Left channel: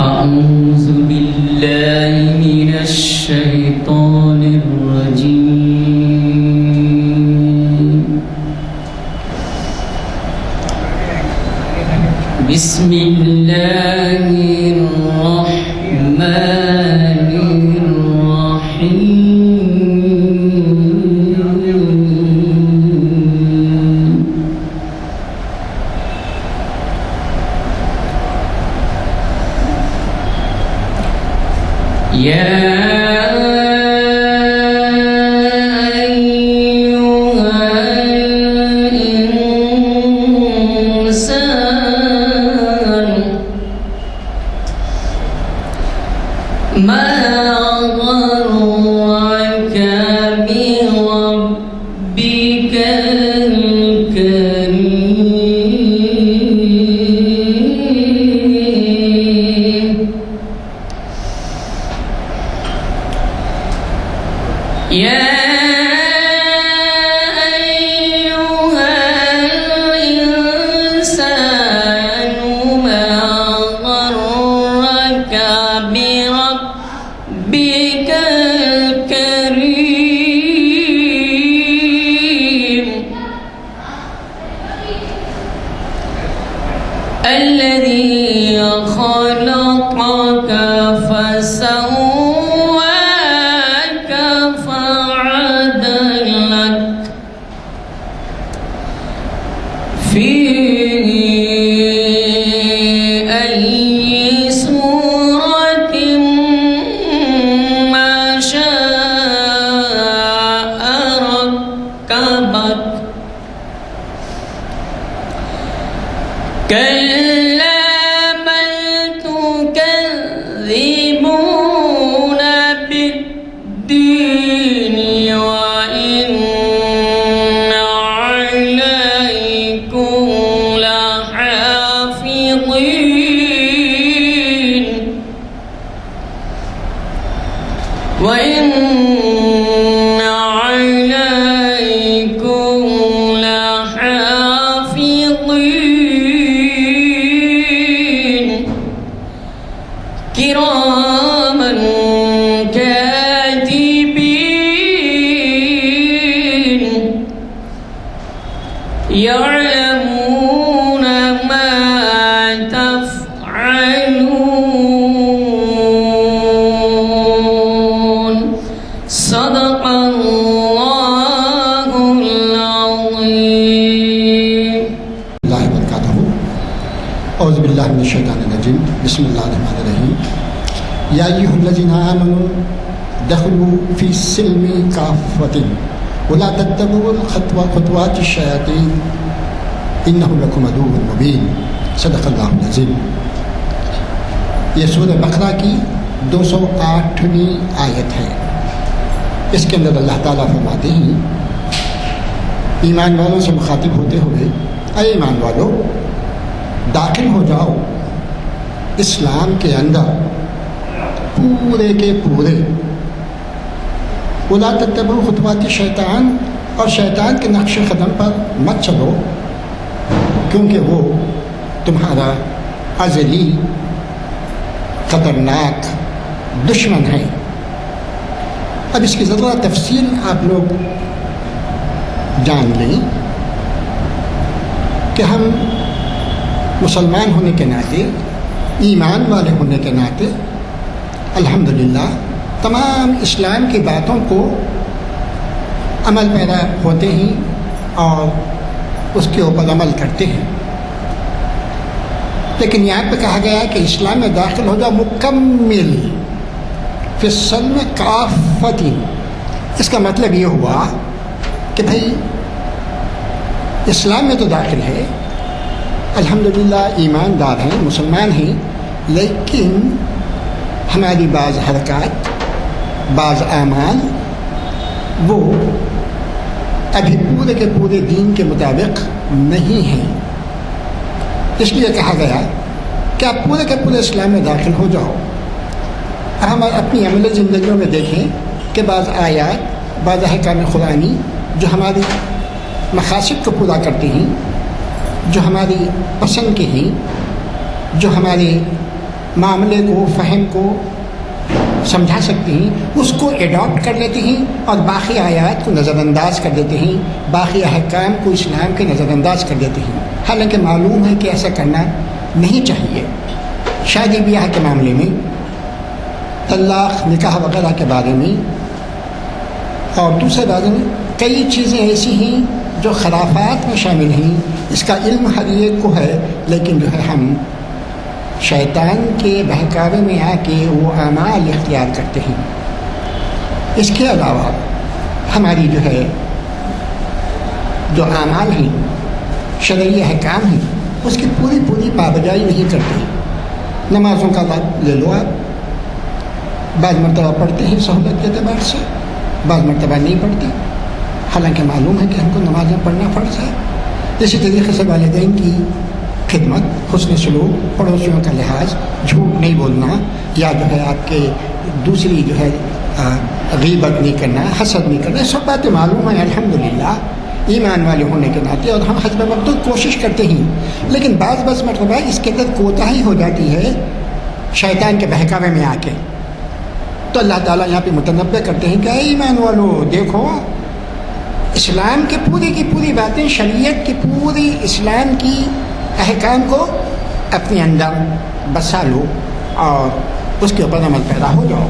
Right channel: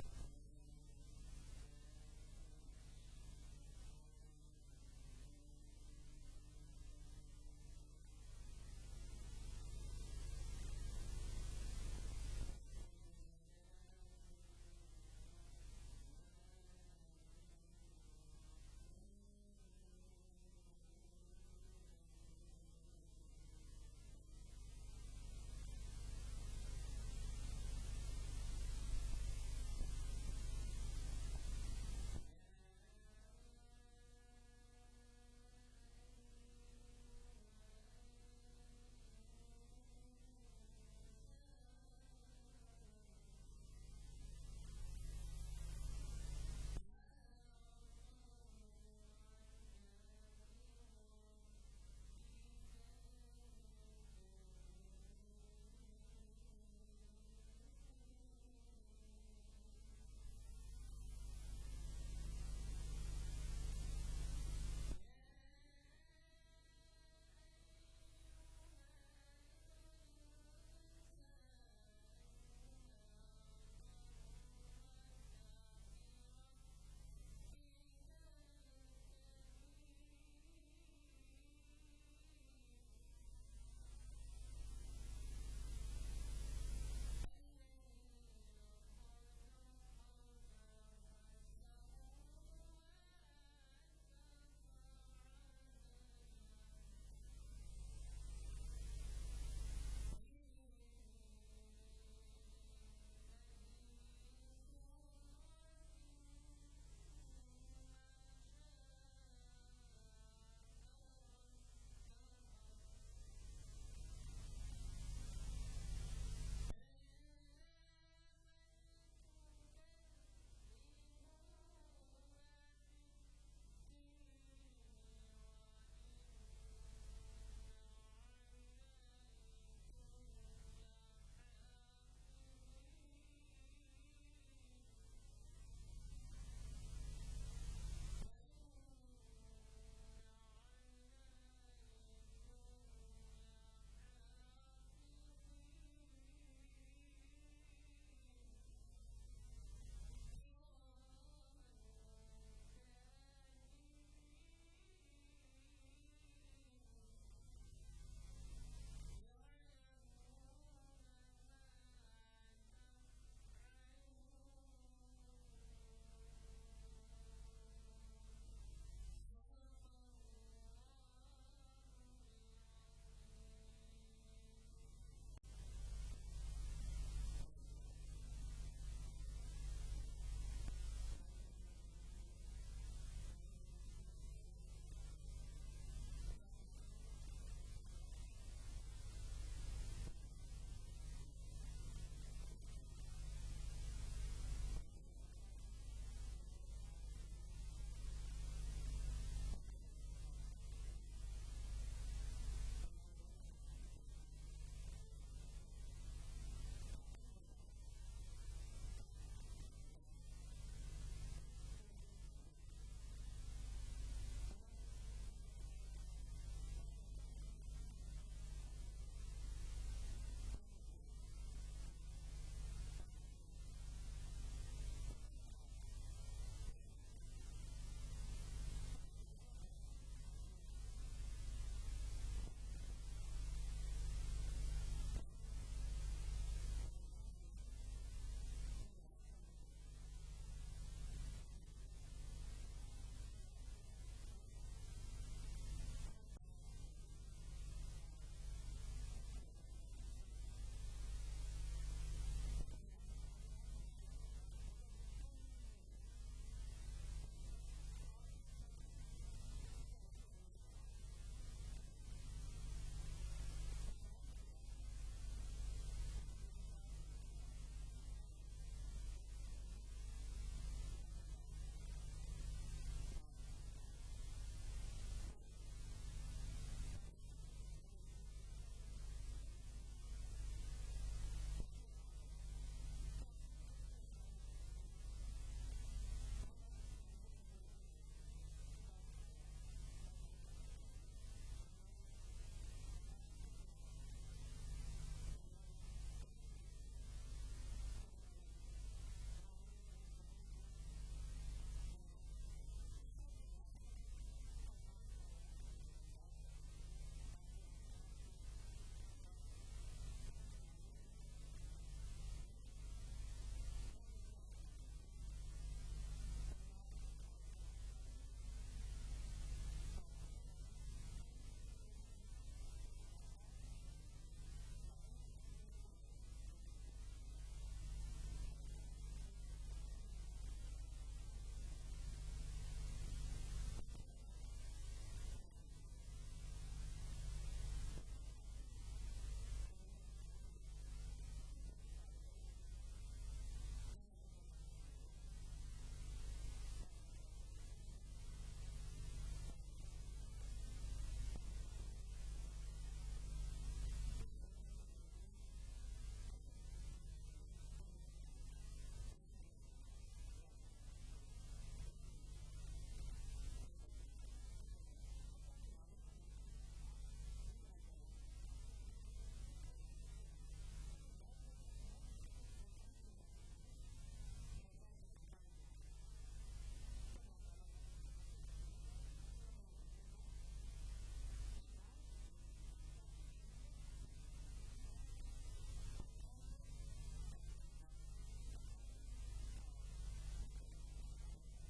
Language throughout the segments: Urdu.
أعوذ بالله من الشيطان الرجيم. بسم الله الرحمن الرحيم. يا أيها الإنسان ما غرك بربك الكريم. يا أيها الإنسان ما غرك بربك الكريم الذي خلقك فسواك فعدلك في أي صورة ما شاء ركبك. كلا بل تكذبون بالدين وإن عليكم لحافظين وإن عليكم لحافظين كراما كاتبين يعلمون ما تفعلون. صدق الله العظيم. اللہ وبرکاتہ. اعوذ باللہ من الشیطان الرجیم. بسم اللہ الرحمن الرحیم. یا ایھا الذین آمنوا دخلوا فی السلم کافۃ ولا تتبعوا خطوات الشیاطین انہ لکم عدو مبین. صدق اللہ العظیم. یہ سورہ بقرہ کی 208ویں آیت ہے. اس کے اندر اللہ تعالیٰ فرماتے ہیں ایمان والوں سے مخاطب ہوتے ہوئے، اے ایمان والو داخل ہو جاؤ اسلام کے اندر پورے کے پورے. ولا تتبعوا خطوات شیطان، اور شیطان کے نقش قدم پر مت چلو کیونکہ وہ تمہارا ازلی خطرناک دشمن ہے. اب اس کی ذرا تفصیل آپ لوگ جان لیں کہ ہم مسلمان ہونے کے ناطے، ایمان والے ہونے کے ناطے الحمدللہ تمام اسلام کی باتوں کو عمل پیرا ہوتے ہیں اور اس کے اوپر عمل کرتے ہیں. لیکن یہاں پہ کہا گیا ہے کہ اسلام میں داخل ہو جاؤ مکمل فی السلم کافۃ. اس کا مطلب یہ ہوا کہ بھائی اسلام میں تو داخل ہے، الحمدللہ ایماندار ہیں، مسلمان ہیں، لیکن ہماری بعض حرکات، بعض اعمال وہ ابھی پورے کے پورے دین کے مطابق نہیں ہیں. اس لیے کہا گیا کہ آپ پورے کے پورے اسلام میں داخل ہو جاؤ. ہم اپنی عملی زندگیوں میں دیکھیں کہ بعض آیات، بعض احکام قرآنی جو ہماری مقاصد کو پورا کرتی ہیں، جو ہماری پسند کے ہیں، جو ہمارے معاملے کو، فہم کو سمجھا سکتے ہیں، اس کو ایڈاپٹ کر لیتے ہیں اور باقی آیات کو نظر انداز کر دیتے ہیں، باقی احکام کو اسلام کے نظر انداز کر دیتے ہیں، حالانکہ معلوم ہے کہ ایسا کرنا نہیں چاہیے۔ شادی بیاہ کے معاملے میں، طلاق، نکاح وغیرہ کے بارے میں اور دوسرے بارے میں کئی چیزیں ایسی ہیں جو خرافات میں شامل ہیں۔ اس کا علم ہر ایک کو ہے، لیکن جو ہے ہم شیطان کے بہکاوے میں آ کے وہ اعمال اختیار کرتے ہیں۔ اس کے علاوہ ہماری جو ہے جو اعمال ہیں، شرعی احکام ہیں، اس کی پوری پابجائی نہیں کرتے۔ نمازوں کا لے لو آپ، بعض مرتبہ پڑھتے ہیں سہولت کے اعتبار سے، بعض مرتبہ نہیں پڑھتے، حالانکہ معلوم ہے کہ ہم کو نمازیں پڑھنا فرض ہے۔ اسی طریقے سے والدین کی خدمت، حسن سلوک، پڑوسیوں کا لحاظ، جھوٹ نہیں بولنا، یا جو ہے آپ کے دوسری جو ہے غیبت نہیں کرنا، حسد نہیں کرنا، سب باتیں معلوم ہیں الحمدللہ ایمان والے ہونے کے ناطے، اور ہم حسب وقت کوشش کرتے ہیں، لیکن بعض مرتبہ اس کے اندر کوتاہی ہو جاتی ہے شیطان کے بہکاوے میں آ کے۔ تو اللہ تعالیٰ یہاں پہ متنبہ کرتے ہیں کہ اے ایمان والو، دیکھو اسلام کی پوری باتیں، شریعت کی پوری اسلام کی احکام کو اپنے اندر بسا لو اور اس کے اوپر عمل پیدا ہو جاؤ،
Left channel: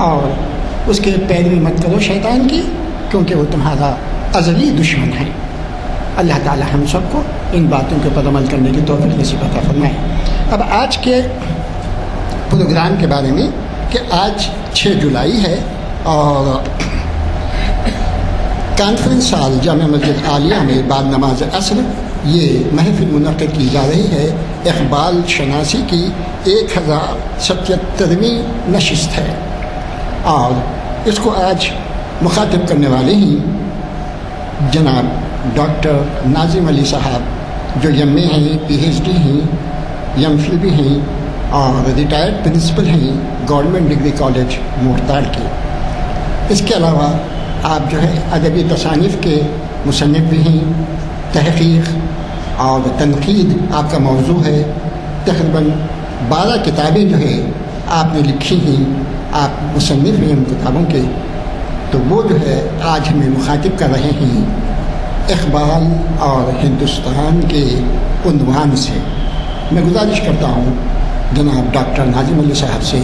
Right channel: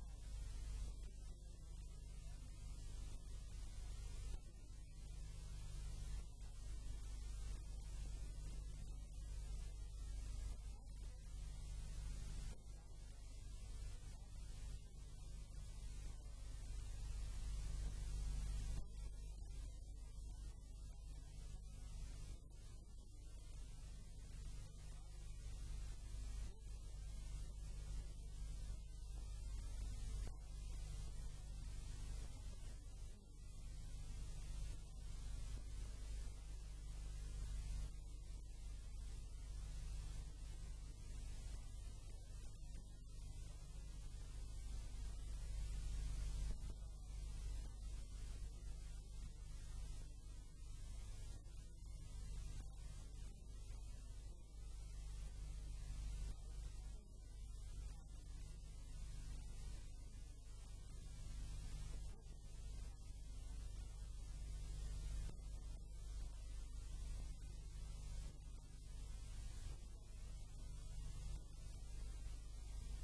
اور اس کے پیروی مت کرو شیطان کی، کیونکہ وہ تمہارا ازلی دشمن ہے۔ اللہ تعالی ہم سب کو ان باتوں کے اوپر عمل کرنے کی توفیق نصیب عطا فرمائے۔ اب آج کے پروگرام کے بارے میں کہ آج 6 جولائی ہے اور کانفرنس ہال جامع مسجد عالیہ میں بعد نماز عصر یہ محفل منعقد کی جا رہی ہے۔ اقبال شناسی کی 1077ویں نشست ہے، اور اس کو آج مخاطب کرنے والے ہیں جناب ڈاکٹر ناظم علی صاحب، جو ایم اے ہیں، پی ایچ ڈی ہیں، ایم فل بھی ہیں اور ریٹائرڈ پرنسپل ہیں گورنمنٹ ڈگری کالج مورتاڑ کے۔ اس کے علاوہ آپ جو ہے ادبی تصانیف کے مصنف بھی ہیں، تحقیق اور تنقید آپ کا موضوع ہے۔ تقریباً 12 کتابیں جو ہے آپ نے لکھی ہیں، آپ مصنف ہیں ان کتابوں کے، تو وہ جو ہے آج ہمیں مخاطب کر رہے ہیں اقبال اور ہندوستان کے عنوان سے۔ میں گزارش کرتا ہوں جناب ڈاکٹر ناظم علی صاحب سے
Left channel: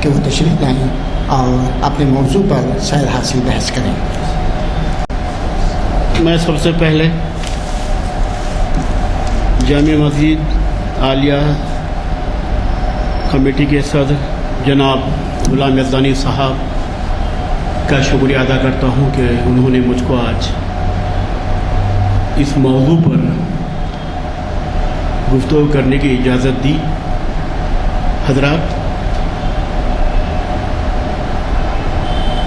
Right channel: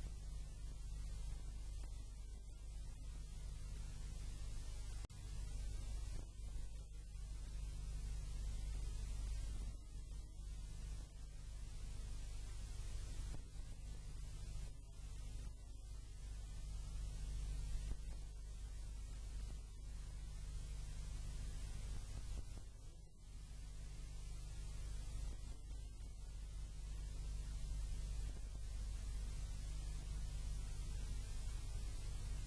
کہ وہ تشریف لائیں اور اپنے موضوع پر سیر حاصل بحث کریں۔ میں سب سے پہلے جامع مسجد عالیہ کمیٹی کے صدر جناب غلام یزدانی صاحب کا شکریہ ادا کرتا ہوں کہ انہوں نے مجھ کو آج اس موضوع پر گفتگو کرنے کی اجازت دی۔ حضرات،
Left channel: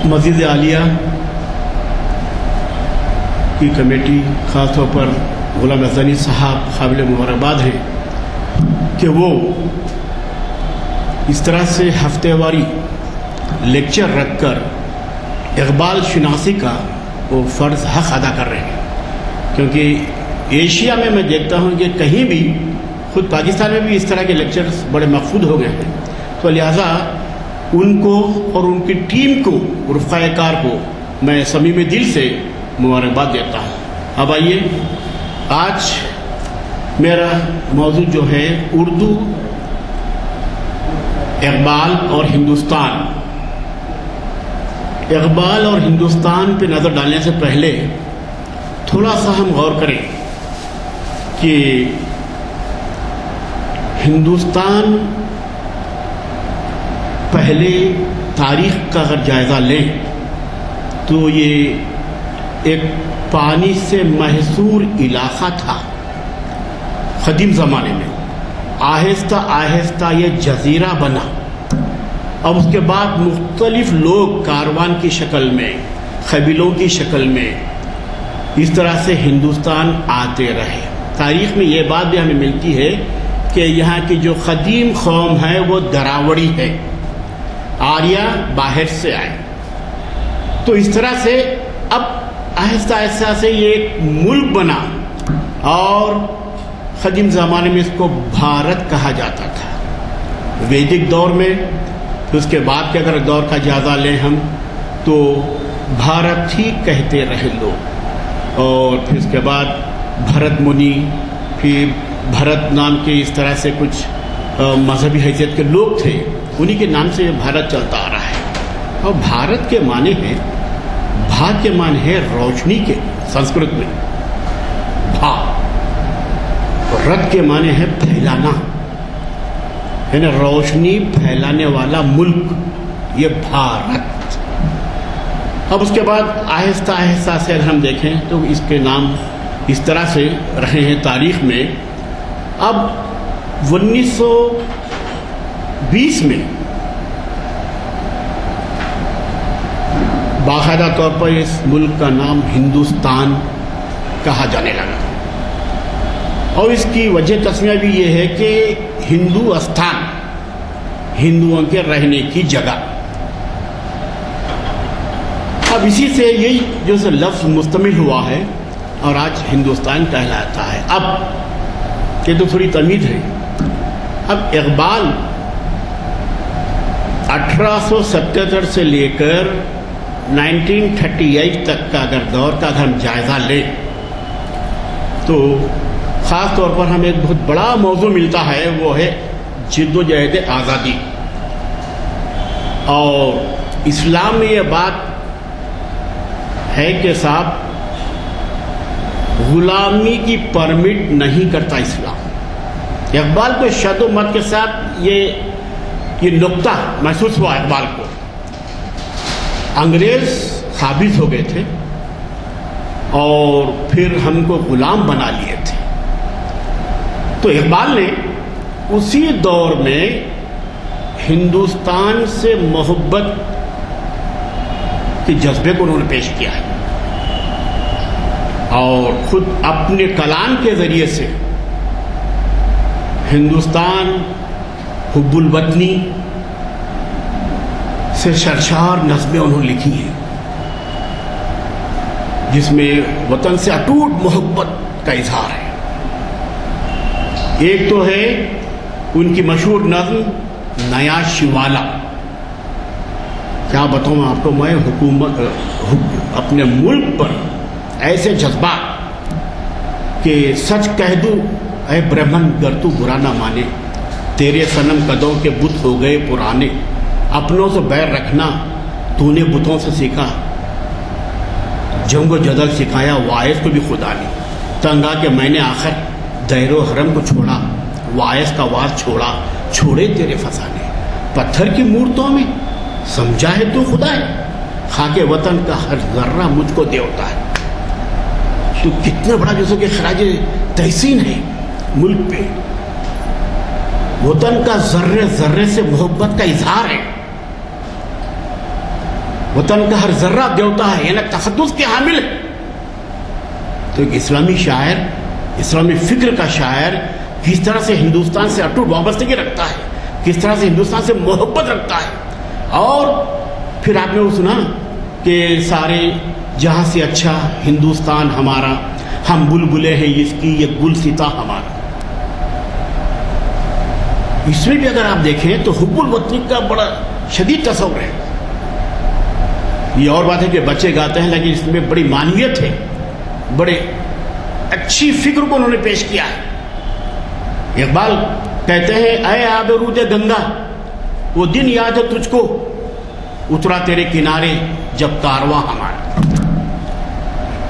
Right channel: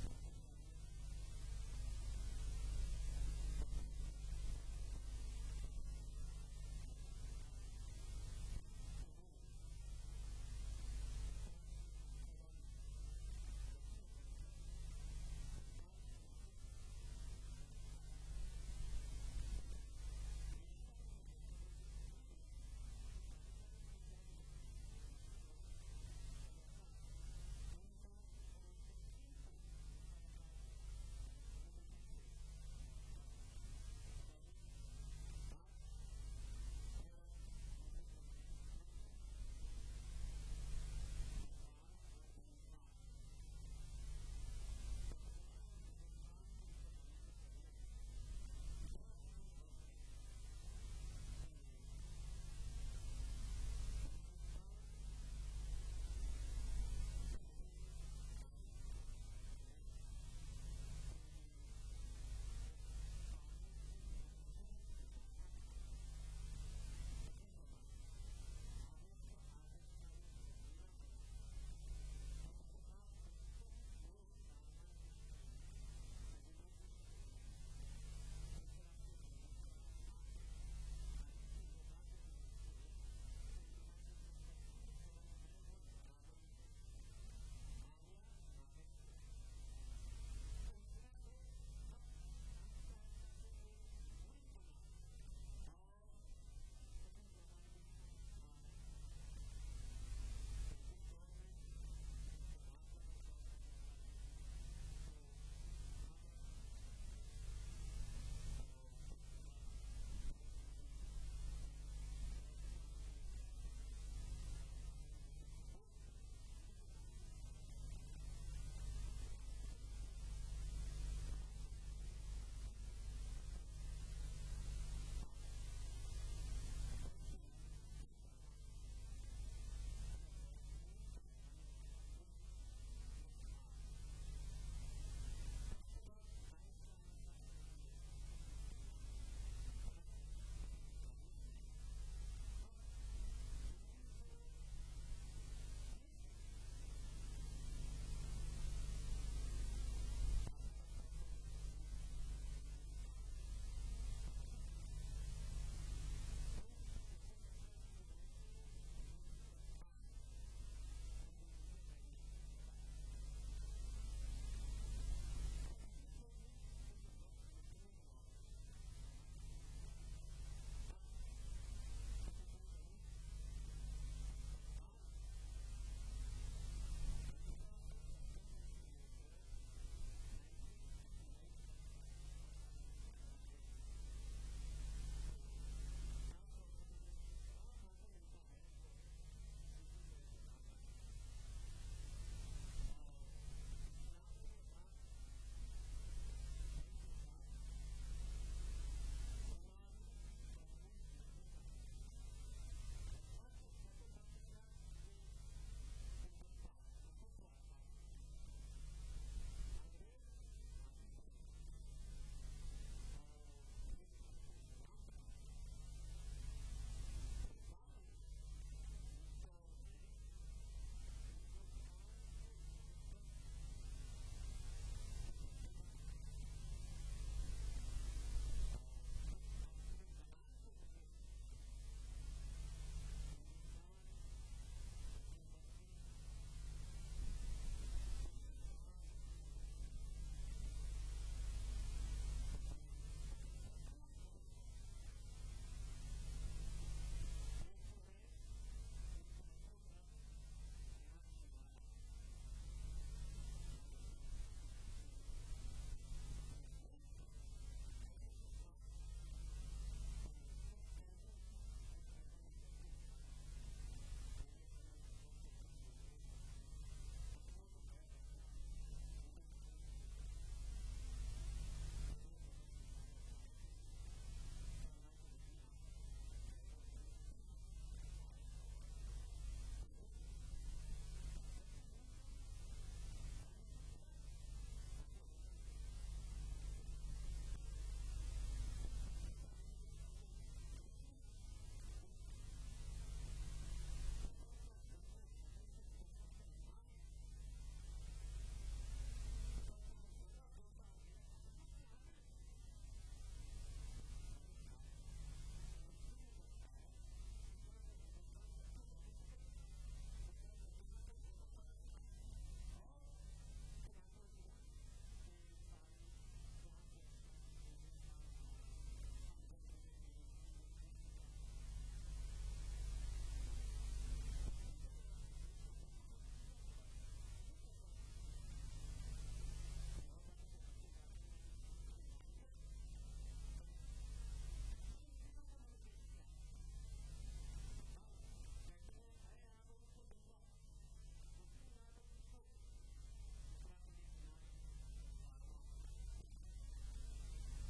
مسجد عالیہ کی کمیٹی، خاص طور پر غلام یزدانی صاحب قابل مبارکباد ہیں کہ وہ اس طرح سے ہفتے واری لیکچر رکھ کر اقبال شناسی کا وہ فرض حق ادا کر رہے ہیں، کیونکہ ایشیا میں دیکھتا ہوں کہ کہیں بھی، خود پاکستان میں بھی اس طرح کے لیکچرز بڑے مقبول ہو گئے ہیں، تو لہٰذا ان کو اور ان کی ٹیم کو، رفقائے کار کو میں صمیم دل سے مبارکباد دیتا ہوں۔ اب آئیے، آج میرا موضوع جو ہے اردو، اقبال اور ہندوستان۔ اقبال اور ہندوستان پہ نظر ڈالنے سے پہلے تھوڑا سا ہم غور کریں کہ ہندوستان پہلے تاریخ کا اگر جائزہ لیں تو یہ ایک پانی سے محصور علاقہ تھا قدیم زمانے میں، آہستہ آہستہ یہ جزیرہ بنا، اب اس کے بعد مختلف لوگ کاروان کی شکل میں، قبیلوں کی شکل میں اس طرح سے ہندوستان آتے رہے۔ تاریخ میں یہ بات بھی ہمیں ملتی ہے کہ یہاں کی جو قدیم قوم ہے وہ دراوڑی ہے، آریہ باہر سے آئے۔ تو اس طرح سے اب آہستہ آہستہ سے یہ ایک ملک بنا، اور قدیم زمانے میں اس کو بھارت کہا جاتا تھا. ویدک دور میں، پھر اس کے بعد کے اگر دور کا جائزہ لیں ہم تو بھارت ہی کہتے رہے لوگ. اور پھر اس کے بعد بھرت منی، پھر بھرت نام کے اس طرح سے کچھ مذہبی حیثیت کے لوگ تھے، انہی کے نام سے بھارت چلتا آ رہا ہے. اور بھارت کے معنی ہے، بھا کے معنی ہے روشنی کے سنسکرت میں بھا، اور رت کے معنی ہے پھیلانا، یعنی روشنی پھیلانے والا ملک، یہ بھارت. اب اس کے بعد آہستہ آہستہ سے اگر ہم دیکھیں تو اس کے نام اس طرح سے رہے ہیں تاریخ میں. اب 1920 میں باقاعدہ طور پر اس ملک کا نام ہندوستان کہا جانے لگا. اور اس کی وجہ تسمیہ بھی یہ ہے کہ ہندو استھان، ہندوؤں کے رہنے کی جگہ. اب اسی سے یہی جو سے لفظ مستمل ہوا ہے اور آج ہندوستان کہلاتا ہے. اب یہ تو تھوڑی تمیز ہے. اب اقبال 1877 سے لے کر 1938 تک کا اگر دور کا اگر ہم جائزہ لیں تو خاص طور پر ہمیں ایک بہت بڑا موضوع ملتا ہے، وہ ہے جد و جہد آزادی. اور اسلام میں یہ بات ہے کہ صاحب غلامی کی پرمٹ نہیں کرتا اسلام. اقبال کو شد و مت کے ساتھ یہ نقطہ محسوس ہوا اقبال کو. انگریز قابض ہو گئے تھے اور پھر ہم کو غلام بنا لیے تھے. تو اقبال نے اسی دور میں ہندوستان سے محبت کے جذبے کو انہوں نے پیش کیا ہے اور خود اپنے کلام کے ذریعے سے ہندوستان حب الوطنی سے سرشار نظمیں انہوں نے لکھی ہیں، جس میں وطن سے اٹوٹ محبت کا اظہار ہے. ایک تو ہے ان کی مشہور نظم نیا شوالا. کیا بتاؤں میں آپ کو، میں حکومت اپنے ملک پر ایسے جذبات کہ سچ کہہ دوں اے برہمن گر تو برا نہ مانے، تیرے صنم قدوں کے بت ہو گئے پرانے، اپنوں سے بیر رکھنا تو نے بتوں سے سیکھا، جنگ و جدل سکھایا وائس کو بھی خدا نے، تنگا کہ میں نے آخر دیر و حرم کو چھوڑا، وائس کا واس چھوڑا، چھوڑے تیرے فسانے، پتھر کی مورتوں میں سمجھا ہے تو خدا ہے، خاک وطن کا ہر ذرہ مجھ کو دیوتا ہے. تو کتنا بڑا جیسے کہ خراج تحسین ہے ملک پہ، وطن کا ذرے ذرے سے محبت کا اظہار ہے، وطن کا ہر ذرہ دیوتا ہے، یعنی تقدس کے حامل ہے. تو ایک اسلامی شاعر، اسلامی فکر کا شاعر کس طرح سے ہندوستان سے اٹوٹ وابستگی رکھتا ہے، کس طرح سے ہندوستان سے محبت رکھتا ہے. اور پھر آپ نے وہ سنا کہ سارے جہاں سے اچھا ہندوستان ہمارا، ہم بلبلے ہیں اس کی یہ گل ستا ہمارا. اس میں بھی اگر آپ دیکھیں تو حب الوطنی کا بڑا شدید تصور ہے. یہ اور بات ہے کہ بچے گاتے ہیں لیکن اس میں بڑی معنویت ہے، بڑے اچھی فکر کو انہوں نے پیش کیا ہے. اقبال کہتے ہیں اے آب رود گنگا وہ دن یاد ہے تجھ کو، اترا تیرے کنارے جب کارواں ہمارا.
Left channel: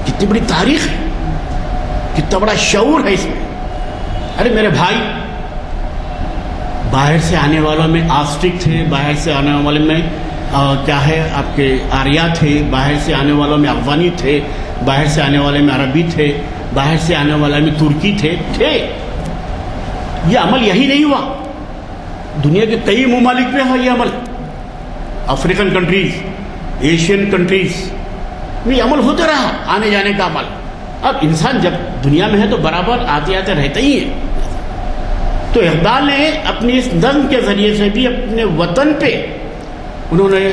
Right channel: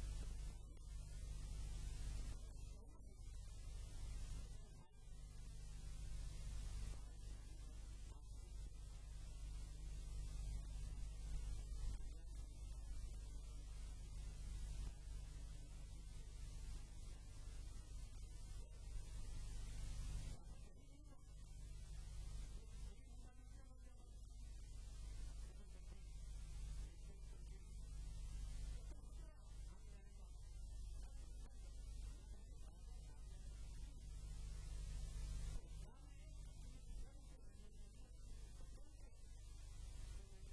کتنی بڑی تاریخ ہے، کتنا بڑا شعور ہے اس میں. ارے میرے بھائی، باہر سے آنے والوں میں آسٹرک تھے، باہر سے آنے والے میں کیا ہے آپ کے آریہ تھے، باہر سے آنے والوں میں افغانی تھے، باہر سے آنے والے میں عربی تھے، باہر سے آنے والے میں ترکی تھے. یہ عمل یہی نہیں ہوا، دنیا کے کئی ممالک میں ہوا یہ عمل. افریقن کنٹریز، ایشین کنٹریز میں یہ عمل ہوتا رہا، آنے جانے کا عمل. اب انسان جب دنیا میں ہے تو برابر آتے آتے رہتا ہی ہے. تو اقبال نے اپنی اس نظم کے ذریعے سے بھی اپنے وطن پہ انہوں نے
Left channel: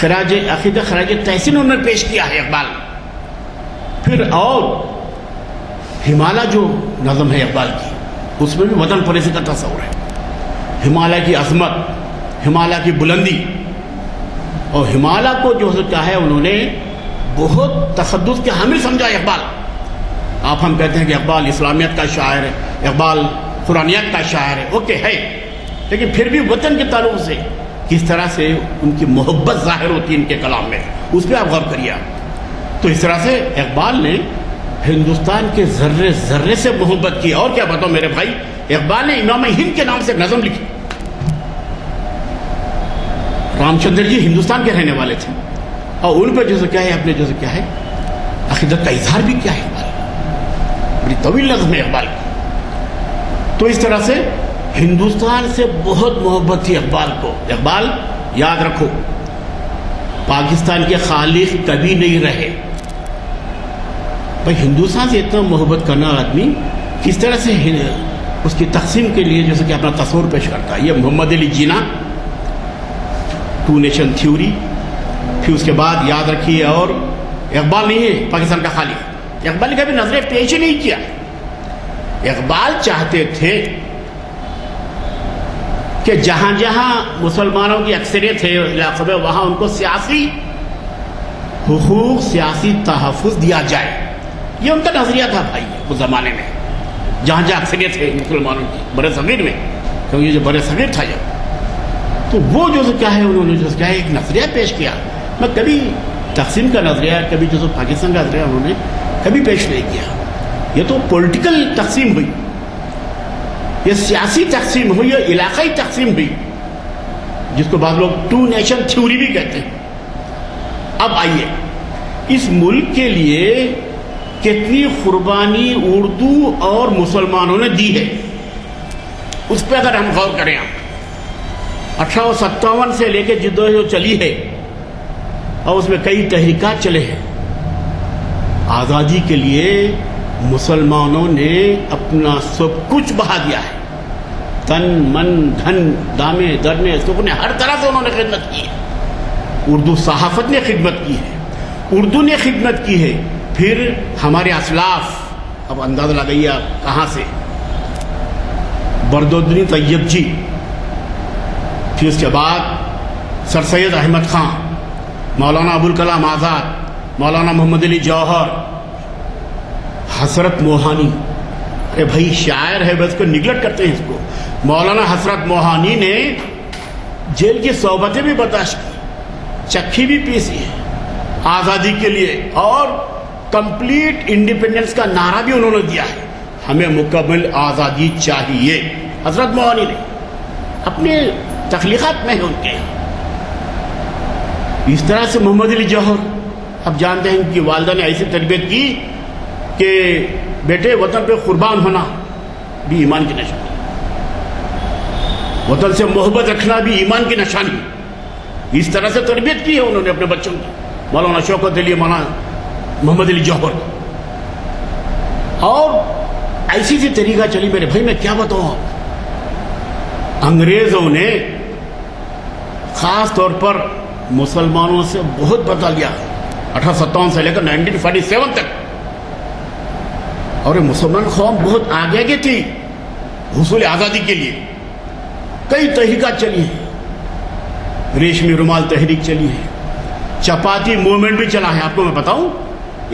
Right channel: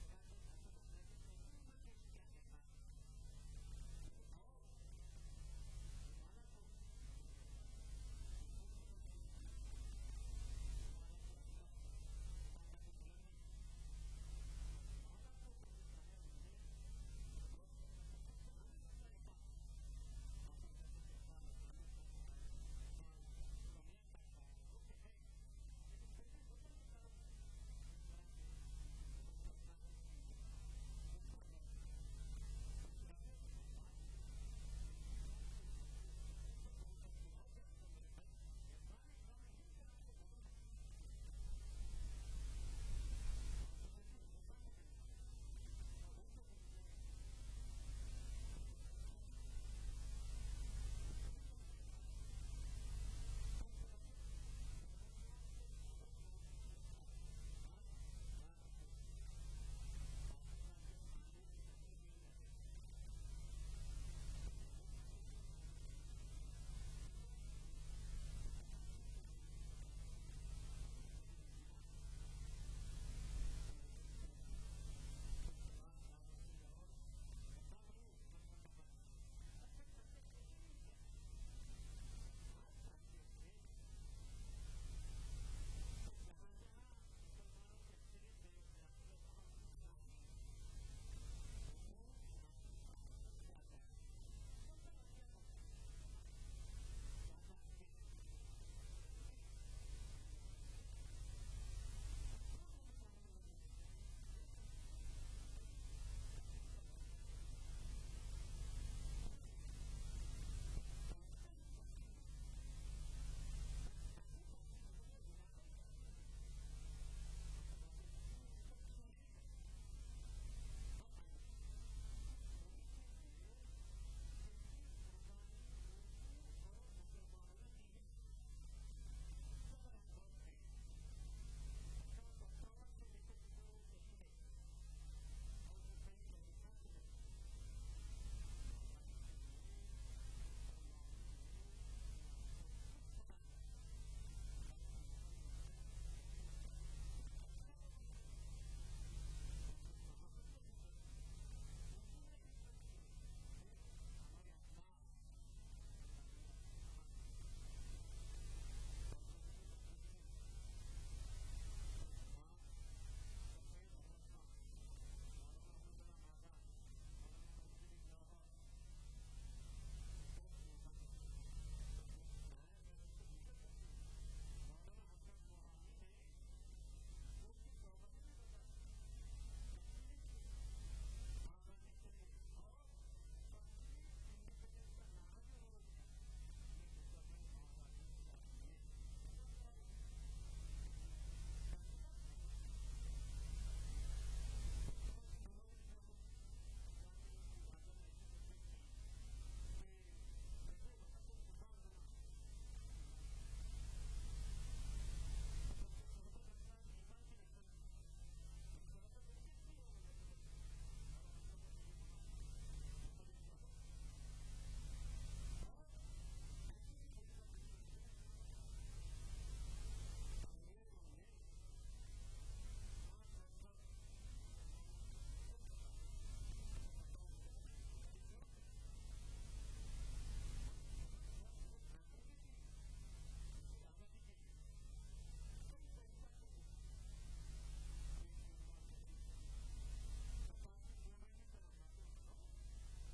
خراج عقیدہ، خراج تحسین انہوں نے پیش کیا ہے اقبال. پھر اور ہمالا جو نظم ہے اقبال کی، اس میں بھی وطن پرستی کا تصور ہے. ہمالیہ کی عظمت، ہمالیہ کی بلندی، اور ہمالیہ کو جو کیا ہے انہوں نے بہت تقدس کے حامل سمجھا اقبال. آپ ہم کہتے ہیں کہ اقبال اسلامیت کا شاعر ہے، اقبال قرآنیت کا شاعر ہے، اوکے ہے، لیکن پھر بھی وطن کے تعلق سے کس طرح سے ان کی محبت ظاہر ہوتی ہے ان کے کلام میں، اس پہ آپ غور کریے. تو اس طرح سے اقبال نے ہندوستان کے ذرے ذرے سے محبت کی. اور کیا بتاؤں میرے بھائی، اقبال نے امام ہند کے نام سے نظم لکھی. رام چندر جی ہندوستان کے رہنے والے تھے، اور ان پہ جیسے کیا ہے اپنے جیسے کیا ہے عقیدت کا اظہار بھی کیا ہے اقبال. بڑی طویل نظم ہے اقبال کی. تو اس طرح سے ہندوستان سے بہت محبت تھی اقبال کو. اقبال یاد رکھو پاکستان کے خالق کبھی نہیں رہے. بھائی ہندوستان سے اتنا محبت کرنا آدمی کس طرح سے اس کی تقسیم کے لیے جیسے کہ اپنا تصور پیش کرتا ہے. یہ محمد Ali Jinnah to nation theory. پھر اس کے بعد یاد رکھیے، اور اقبال نہیں ہے پاکستان کا خالق. اقبال نے کبھی نظر پیش ہی نہیں کیا. اقبال چاہتے تھے کہ جہاں جہاں مسلمانوں کی اکثریت ہے علاقے میں وہاں ان کو سیاسی حقوق، سیاسی تحفظ دیا جائے. یہ ان کا نظریہ تھا بھائی اس زمانے میں، جہاں جہاں اکثریت ہے مسلمانوں کی برے صغیر میں، کیونکہ یہ جو برے صغیر تھا جب، تو وہ جو کیا ہے انہوں نے جو کیا ہے ایک نظریہ پیش کیا. میں کبھی تقسیم کا نظریہ، کبھی جو پاکستان کا نظریہ انہوں نے کبھی پیش نہیں کیا. یہ تو پولیٹیکل تقسیم ہوئی، یہ سیاسی تقسیم ہوئی، یہ علاقائی تقسیم ہوئی، جس کو بعض لوگ ٹو نیشن تھیوری بھی کہتے ہیں. اب آئیے اس ملک کے لیے کتنی قربانی اردو اور مسلمانوں نے دی ہے، اس پہ اگر ہم غور کریں. 1857 سے لے کے جدوجہد چلی ہے، اور اس میں کئی تحریکات چلے ہیں. آزادی کے لیے مسلمانوں نے اپنا سب کچھ بہا دیا ہے. تن من دھن دامے درنے سکنے ہر طرح سے انہوں نے خدمت کی ہے. اردو صحافت نے خدمت کی ہے، اردو نے خدمت کی ہے. پھر ہمارے اسلاف، اب اندازہ لگائیے آپ کہاں سے، بردالدین طیب جی، پھر اس کے بعد سر سید احمد خان، مولانا ابوالکلام آزاد، مولانا محمد علی جوہر، حسرت موہانی. اے بھائی شاعر ہے بس کو نگلیکٹ کرتے ہیں اس کو. مولانا حسرت موہانی نے جیل کی صحبتیں بھی برداشت کی، چکھی بھی پیسی ہے آزادی کے لیے، اور کمپلیٹ انڈیپینڈنس کا نعرہ بھی انہوں نے دیا ہے. ہمیں مکمل آزادی چاہیے. حضرت موہانی نے اپنے تخلیقات میں ہے ان کے. اس طرح سے محمد علی جوہر، اب جانتے ہیں کہ والدہ نے ایسی تربیت کی کہ بیٹے وطن پہ قربان ہونا بھی ایمان کی نشانی، وطن سے محبت رکھنا بھی ایمان کی نشانی. اس طرح سے تربیت کی ہے انہوں نے اپنے بچوں کی. مولانا شوکت علی، مولانا محمد علی جوہر. اور ایسی سی طریقہ چلی میرے بھائی، میں کیا بتاؤں آپ، انگریزوں نے خاص طور پر مسلمانوں سے بہت بدلا لیا 1857 سے لے کر 1947 تک. اور یہ مسلمان قوم بہت آگے کی تھی حصول آزادی کے لیے. کئی تحریکات چلی ہیں، ریشمی رومال تحریک چلی ہے، چپاتی موومنٹ بھی چلا ہے. آپ کو میں بتاؤں،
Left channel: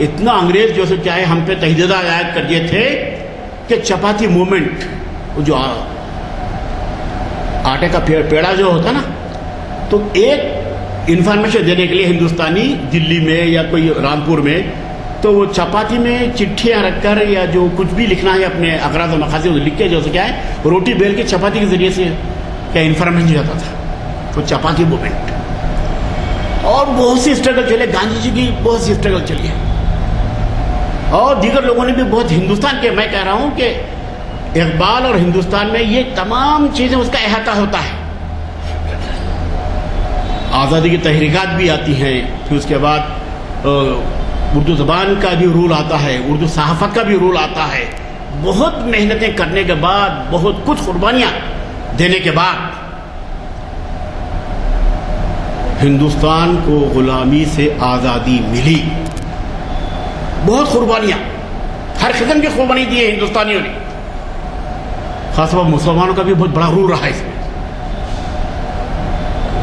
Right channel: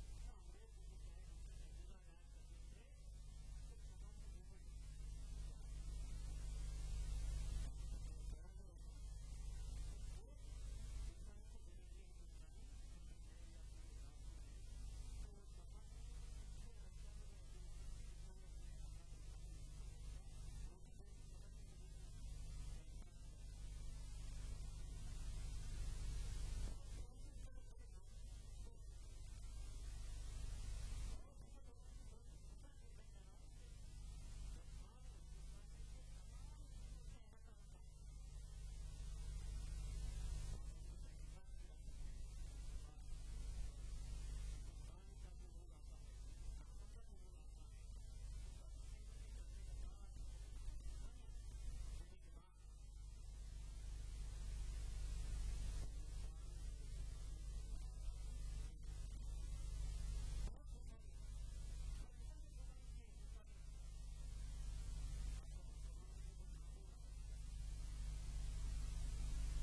اتنا انگریز جو سے چاہے ہم پہ تحریدات عائد کر دیے تھے کہ چپاتی موومنٹ، جو آٹے کا پیڑا جو ہوتا نا، تو ایک انفارمیشن دینے کے لیے ہندوستانی دلی میں یا کوئی رامپور میں، تو وہ چپاتی میں چٹھیاں رکھ کر یا جو کچھ بھی لکھنا ہے اپنے اغراض و مقاصد لکھ کے جو سے کیا ہے روٹی بیل کے چپاتی کے ذریعے سے کیا انفارمیشن جاتا تھا. تو چپاتی موومنٹ اور بہت سی اسٹرگل چلے، گاندھی جی کی بہت سی اسٹرگل چلی ہے، اور دیگر لوگوں نے بھی بہت. ہندوستان کے میں کہہ رہا ہوں کہ اقبال اور ہندوستان میں یہ تمام چیزیں اس کا احاطہ ہوتا ہے. آزادی کی تحریکات بھی آتی ہیں، پھر اس کے بعد اردو زبان کا بھی رول آتا ہے، اردو صحافت کا بھی رول آتا ہے. بہت محنتیں کرنے کے بعد، بہت کچھ قربانیاں دینے کے بعد ہندوستان کو غلامی سے آزادی ملی. بہت قربانیاں، ہر قسم کی قربانی دی ہے ہندوستانیوں نے. خاص طور پر مسلمانوں کا بھی بہت بڑا رول رہا ہے اس میں.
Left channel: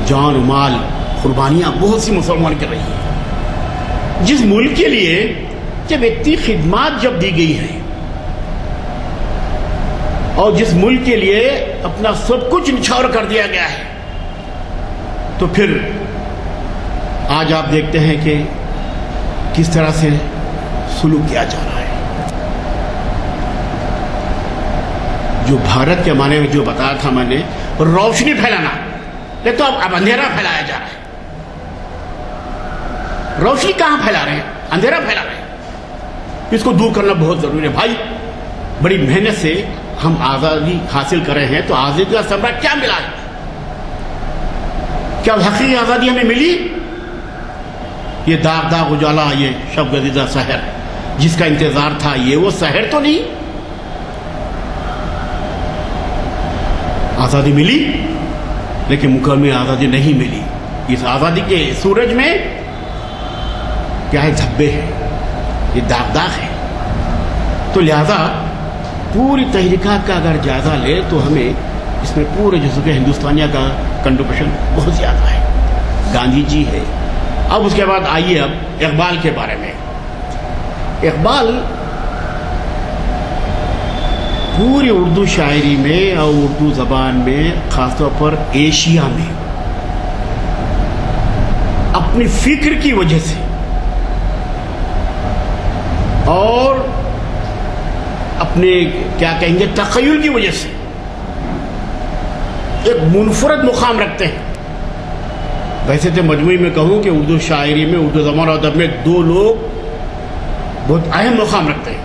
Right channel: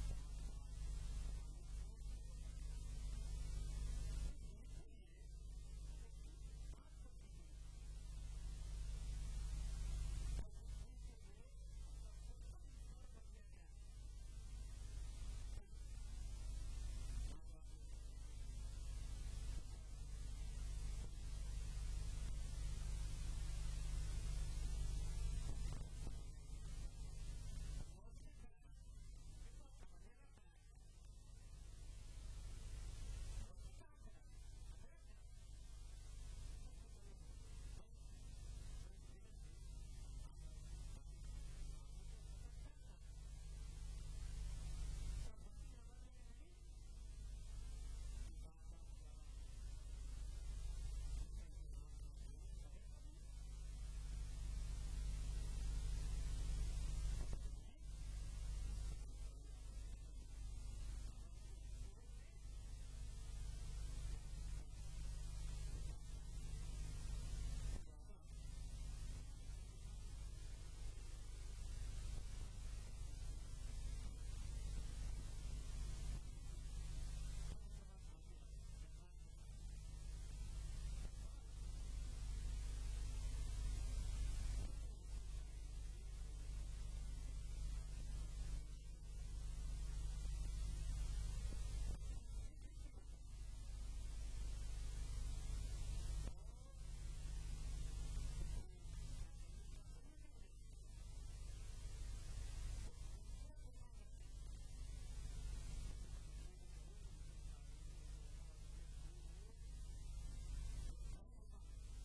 جان و مال قربانیاں بہت سی مسلمان کر رہی ہیں. جس ملک کے لیے جب اتنی خدمات جب دی گئی ہیں اور جس ملک کے لیے اپنا سب کچھ نچھاور کر دیا گیا ہے، تو پھر آج آپ دیکھتے ہیں کہ کس طرح سے سلوک کیا جا رہا ہے. جو بھارت کے معنی میں جو بتایا تھا میں نے، روشنی پھیلانا، لیکن تو اب اندھیرا پھیلایا جا رہا ہے. روشنی کہاں پھیلا رہے ہیں؟ اندھیرا پھیلا رہے ہیں. اس کو دور کرنا بہت ضروری ہے. بھائی بڑی محنت سے ہم آزادی حاصل کر رہے ہیں، تو آزادی کا ثمرہ کیا ملا ہے؟ کیا حقیقی آزادی ہمیں ملی؟ یہ داغ داغ اجالا، یہ شب گزیدہ سحر جس کا انتظار تھا، یہ وہ سحر تو نہیں. آزادی ملی لیکن مکمل آزادی نہیں ملی. اس آزادی کے سورج میں کیا ہے؟ دھبے ہیں، یہ داغ داغ ہے. تو لہذا پوری تحریکات کا اگر جائزہ لے تو ہمیں اس میں پورے جزو کے ہندوستانیہ کا کنٹریبیوشن بہت زیادہ ہے. گاندھی جی ہے. اب اس کے بعد آئیے اب اقبال کے بارے میں. اقبال پوری اردو شاعری میں اور اردو زبان میں، خاص طور پر ایشیا میں، اپنی فکر کی وجہ سے اور اپنے کیا کہیں گے تخیل کی وجہ سے ایک منفرد مقام رکھتے ہیں. ویسے تو مجموعی میں کہوں کہ اردو شاعری میں، اردو زبان اور ادب میں دو لوگ بہت اہم مقام رکھتے ہیں.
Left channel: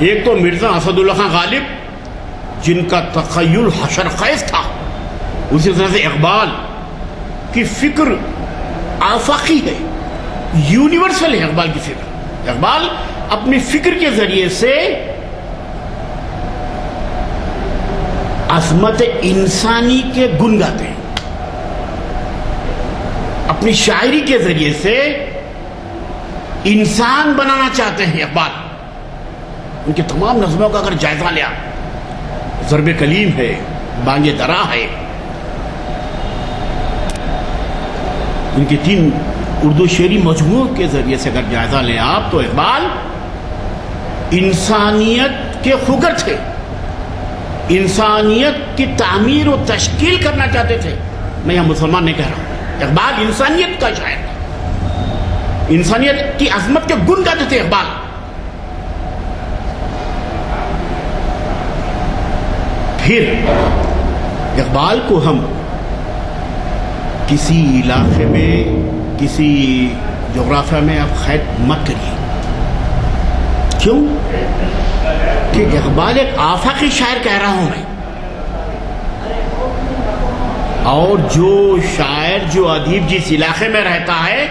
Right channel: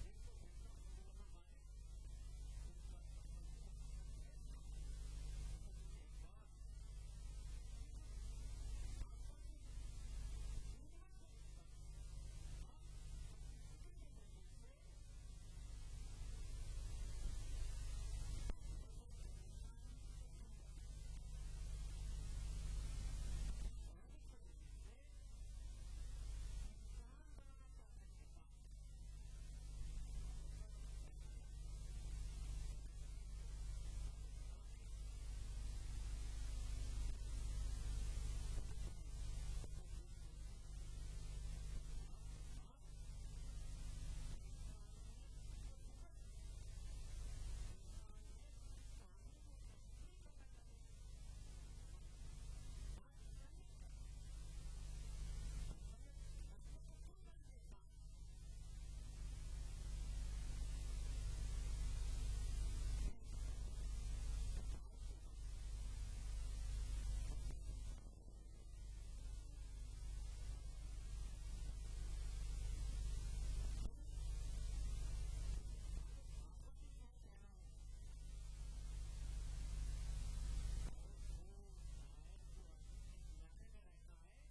ایک تو مرزا اسد اللہ خان غالب، جن کا تخیل حشر خیز تھا. اسی طرح سے اقبال کی فکر آفاقی ہے، یونیورسل ہے. اقبال کی فکر، اقبال اپنی فکر کے ذریعے سے عظمت انسانی کے گن گاتے ہیں. اپنی شاعری کے ذریعے سے انسان بنانا چاہتے ہیں. اقبال ان کے تمام نظموں کا اگر جائزہ لیا، ضرب کلیم ہے، بانگ درا ہے، ان کے 3 اردو شعری مجموعوں کے ذریعے سے اگر جائزہ لیں آپ، تو اقبال انسانیت کے خگر تھے. انسانیت کی تعمیر و تشکیل کرنا چاہتے تھے. میں یہاں مسلمان نہیں کہہ رہا ہوں. اقبال انسانیت کا شاعر تھا. انسانیت کی عظمت کے گن گاتے تھے اقبال. پھر اقبال کو ہم کسی علاقے میں، کسی جغرافیہ میں آپ قید مت کریے. کیوں؟ کہ اقبال ایک آفاقی شاعر کہہ رہا ہوں میں. اور جو شاعر، جو ادیب جس علاقے میں رہتا ہے،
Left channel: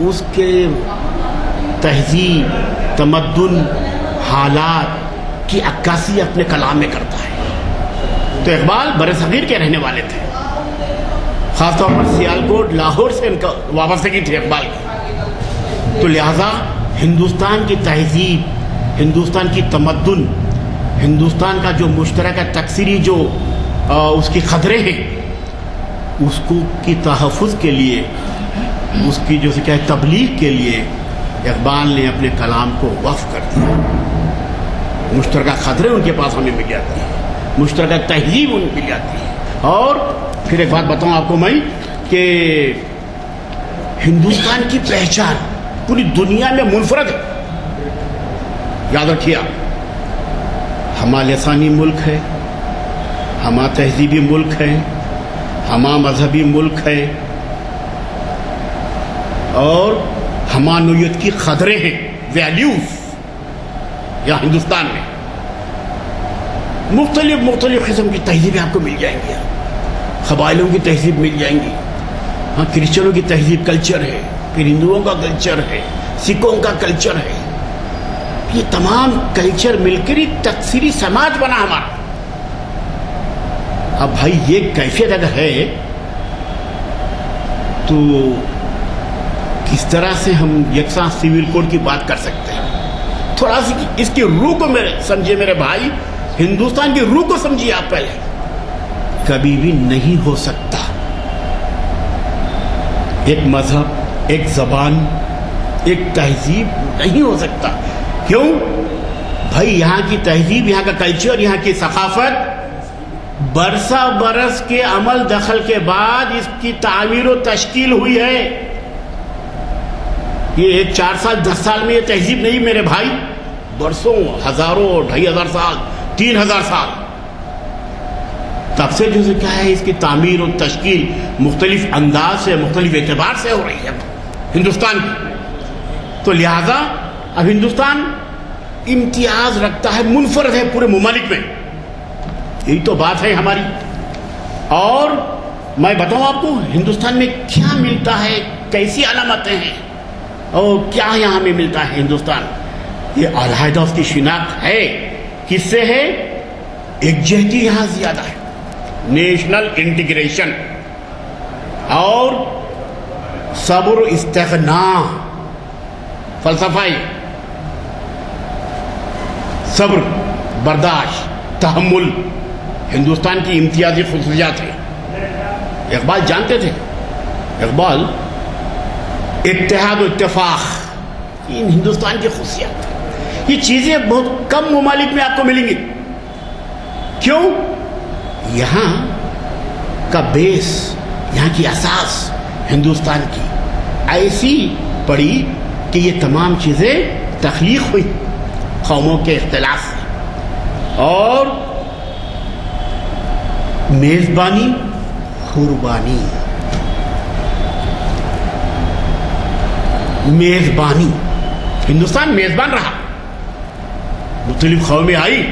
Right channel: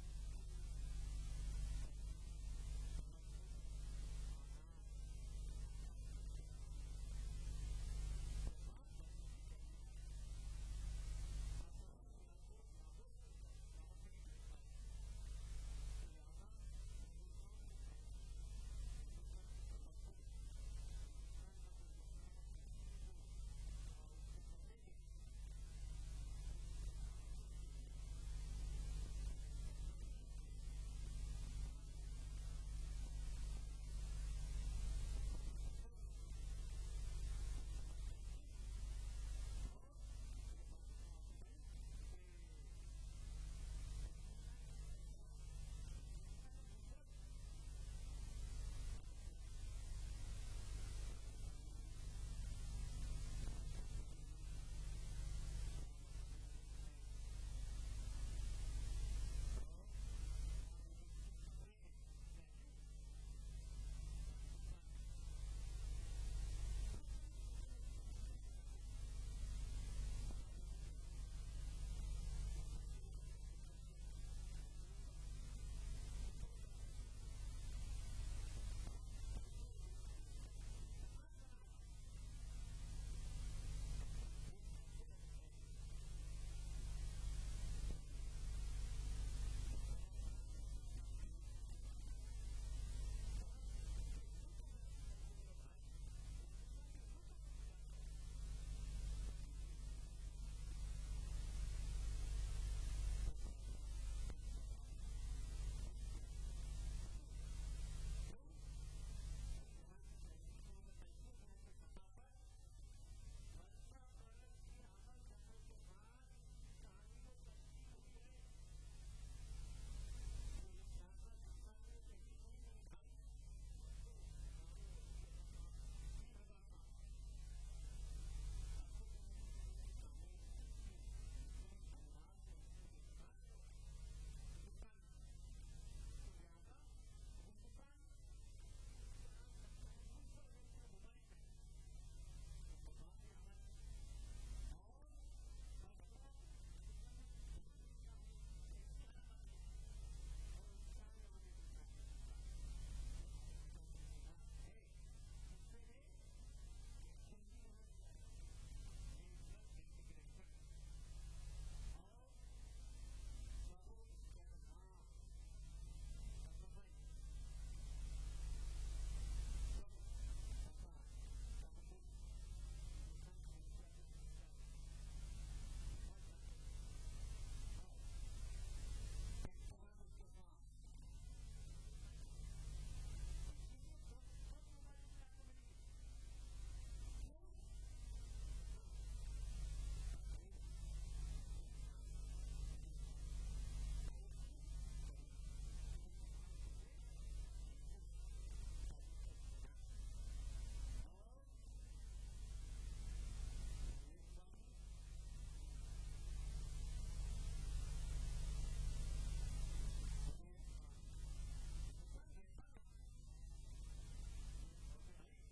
اس کے تہذیب، تمدن، حالات کی عکاسی اپنے کلام میں کرتا ہے. تو اقبال برصغیر کے رہنے والے تھے. خاص طور پر سیالکوٹ، لاہور سے ان کا وابستگی تھی اقبال کی. تو لہذا ہندوستان کی تہذیب، ہندوستان کی تمدن، ہندوستان کا جو مشترکہ تکثیری جو اس کی قدریں ہیں، اس کو کی تحفظ کے لیے، اس کی جو کیا ہے تبلیغ کے لیے اقبال نے اپنے کلام کو وقف کر دیا. مشترکہ قدریں ان کے پاس ہمیں مل جاتی ہیں، مشترکہ تہذیب ان مل جاتی ہے. اور پھر ایک بات بتاؤں آپ کو میں کہ ہندوستان کی پہچان پوری دنیا میں منفرد ہے. یاد رکھیے آپ، ہمارا لسانی ملک ہے، ہمارا تہذیبی ملک ہے، ہمارا مذہبی ملک ہے، اور ہمارا نوعیت کی قدریں ہیں، ویلیوز. یہاں ہندوستان میں مختلف قسم کی تہذیبیں آپ کو مل جائیں گی. قبائلوں کی تہذیب مل جائیں گی. ہاں، کرسچنوں کی تہذیب، کلچر ہے، پھر ہندوؤں کا کلچر ہے، سکھوں کا کلچر ہے. یہ تمام کلچر مل کر ہی تکثیری سماج بنا ہمارا. اب بھائی یہ کیفیت اگر ہے تو کس طرح سے ہم یکساں سول کوڈ کی بات کر سکتے ہیں؟ تھوڑا سی اس کی روح کو سمجھے میرے بھائی. ہندوستان کی روح کو سمجھیے آپ پہلے، کبھی بھی نہیں ہو سکتا۔ ایک مذہب، ایک زبان، ایک تہذیب نہیں ہو سکتا۔ کیوں؟ بھائی یہاں کی تہذیب، یہاں کا کلچر، یہاں کی ثقافت برسا برس کے عمل دخل کے بعد اس کی تعمیر و تشکیل ہوئی ہے۔ یہ ایک 4 سال 10 سال میں یہ تہذیب نہیں میرے بھائی، برسوں، ہزاروں، 2500 سال، 3000 سال تب سے جو کیا ہے اس کی تعمیر و تشکیل مختلف انداز سے، مختلف اعتبار سے ہو رہی ہے ہندوستان کی۔ تو لہذا اب ہندوستان امتیاز رکھتا ہے، منفرد ہے پورے ممالک میں، یہی تو بات ہے ہماری۔ اور میں بتاؤں آپ کو ہندوستان میں کیا ملتا ہے، کیسی علامتیں ہیں اور کیا یہاں میں ملتا ہے ہندوستان، یہ علیحدہ اس کی شناخت ہے۔ کس سے ہے؟ یکجہتی یہاں زیادہ ہے، نیشنل انٹیگریشن اور صبر و استغنا، فلسفہ صبر، برداشت، تحمل ہندوستان کی امتیازی خصوصیات ہیں۔ اقبال جانتے تھے، اقبال اتحاد و اتفاق ان ہندوستان کی خصوصیات ہیں۔ یہ چیزیں بہت کم ممالک میں آپ کو ملیں گی۔ کیوں؟ یہاں کا بیس، یہاں کی اساس ہندوستان کی ایسی پڑی کہ یہ تمام چیزیں تخلیق ہوئی قوموں کے اختلاف سے۔ اور میزبانی، قربانی، میزبانی، ہندوستان میزبان رہا۔ مختلف قومیں آئی،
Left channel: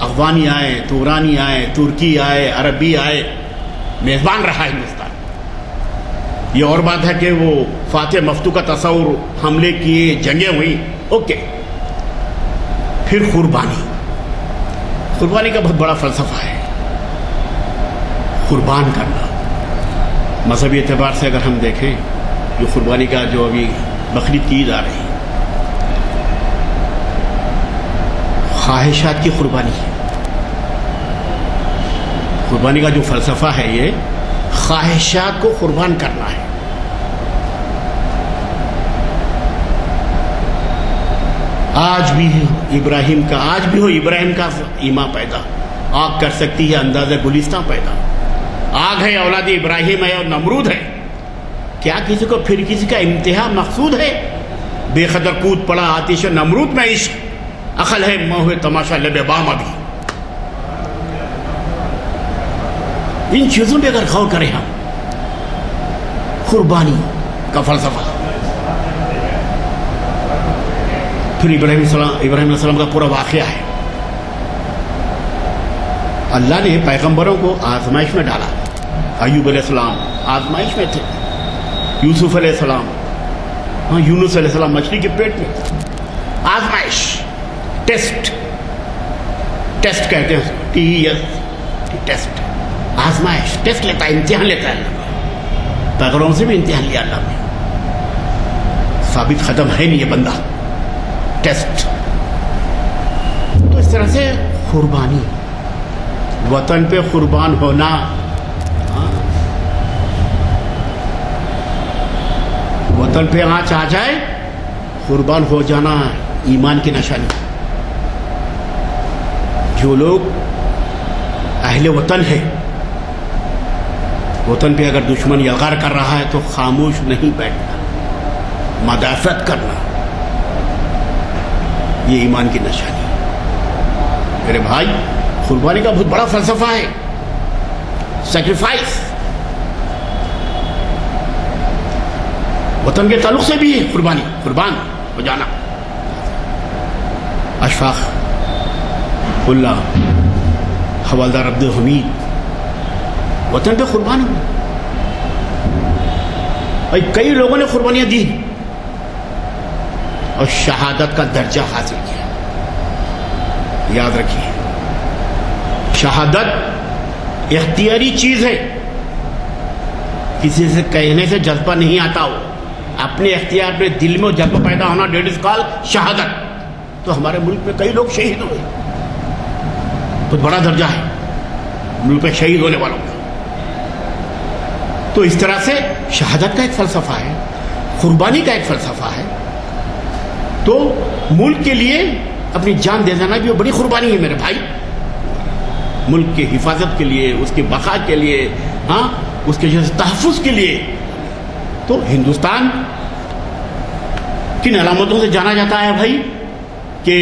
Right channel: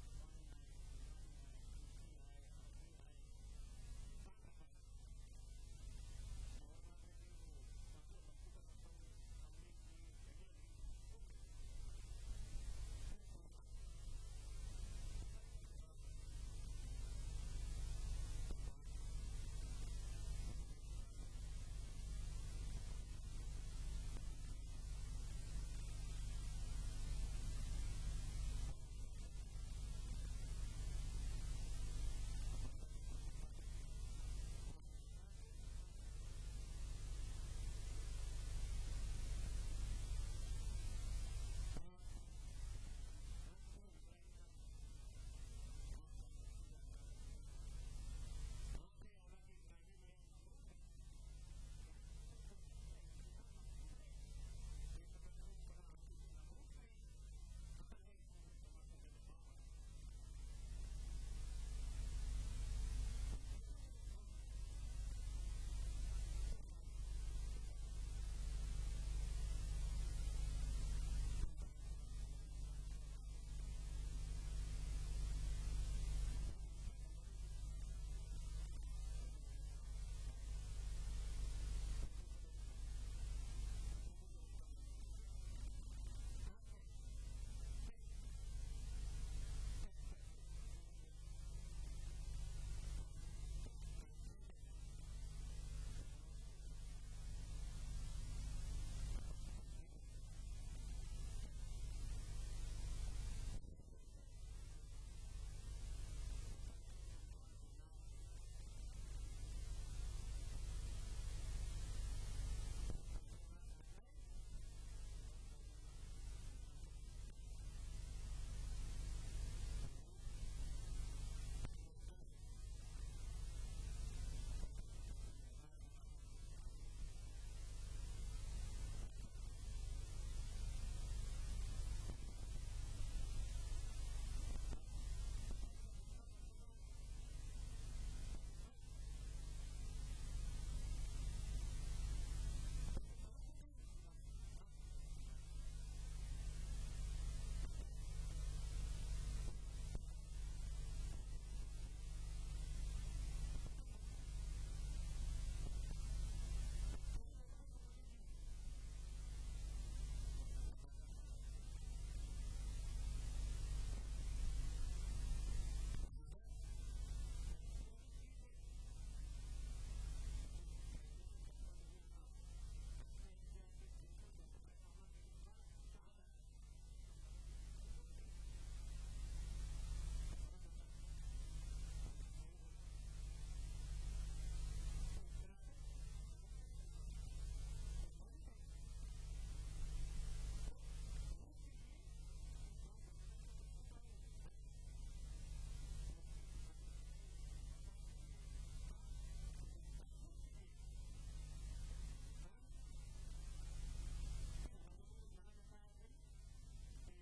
افغانی آئے، تورانی آئے، ترکی آئے، عربی آئے، میزبان رہا ہندوستان۔ یہ اور بات ہے کہ وہ فاتح مفتو کا تصور، حملے کیے، جنگیں ہوئی، اوکے۔ پھر قربانی، قربانی کا بہت بڑا فلسفہ ہے، قربان کرنا۔ مذہبی اعتبار سے اگر ہم دیکھیں، جو قربانی کا جو ابھی بقرعید کی عید آ رہی ہے، خواہشات کی قربانی ہے۔ قربانی کا جو فلسفہ ہے یہ خواہشات کو قربان کرنا ہے۔ آج بھی ابراہیم کا ایمان پیدا، آگ کر سکتی ہے اندازہ گلستان پیدا۔ آگ ہے، اولاد ابراہیم ہے اور نمرود ہے، کیا کسی کو پھر کسی کا انتہا مقصود ہے؟ بے قدر کود پڑا آتش نمرود میں عشق، عقل ہے موہ تماشا لب بام۔ ابھی ان چیزوں پہ اگر غور کریں ہم، قربانی کا فلسفہ، پھر ابراہیم علیہ السلام کا پورا واقعہ ہے۔ اللہ نے پیغمبروں کو آزمائش میں ڈالا۔ ایوب علیہ السلام آزمائش میں تھے، یوسف علیہ السلام، یونس علیہ السلام مچھلی کے پیٹ میں، آزمائش، ٹیسٹ کہتے ہیں، ٹیسٹ، آزمائش، ٹیسٹ لیتا ہے، امتحان لیتا ہے اللہ۔ پیغمبروں سے بھی امتحان لیا اللہ نے، ثابت ختم ہے نہیں یہ بندہ، ٹیسٹ۔ تو اس طرح سے قربانی، وطن پہ قربان ہونا، وطن پہ آنچ آ جائے قربان ہو جانا ایمان کی نشانی۔ جو لوگ اہل وطن ہے، وطن پہ اگر دشمن یلغار کر رہا ہے تو خاموش نہیں بیٹھنا، مدافعت کرنا، یہ ایمان کی نشانی۔ میرے بھائی، قربانی کا بہت بڑا فلسفہ ہے، سیکریفائس۔ وطن کے تعلق سے بھی ہے قربانی، قربان ہو جانا۔ اشفاق اللہ حوالدار عبد الحمید وطن پہ قربان ہوئے، اور کئی لوگوں نے قربانیاں دی اور شہادت کا درجہ حاصل کیا۔ یاد رکھیے، شہادت اختیاری چیز ہے، کسی سے کہنے سے جذبہ نہیں آتا، ہو اپنے اختیار میں دل میں جذبہ پیدا ہونا، ڈیٹ از کال شہادت۔ تو ہمارے ملک میں کئی لوگ شہید ہوئے، بہت بڑا درجہ ہے ملک پہ شہید ہونے والوں کا. تو اس طرح سے شہادت کا ایک فلسفہ ہے, قربانی کا ایک فلسفہ ہے. تو ملک کے لیے اپنی جان دے دینا بھی وہ بڑی قربانی ہے میرے بھائی, ملک کی حفاظت کے لیے, اس کی بقا کے لیے, ہاں اس کے جیسے تحفظ کے لیے. تو ہندوستان کن علامتوں سے جانا جاتا ہے بھائی کہ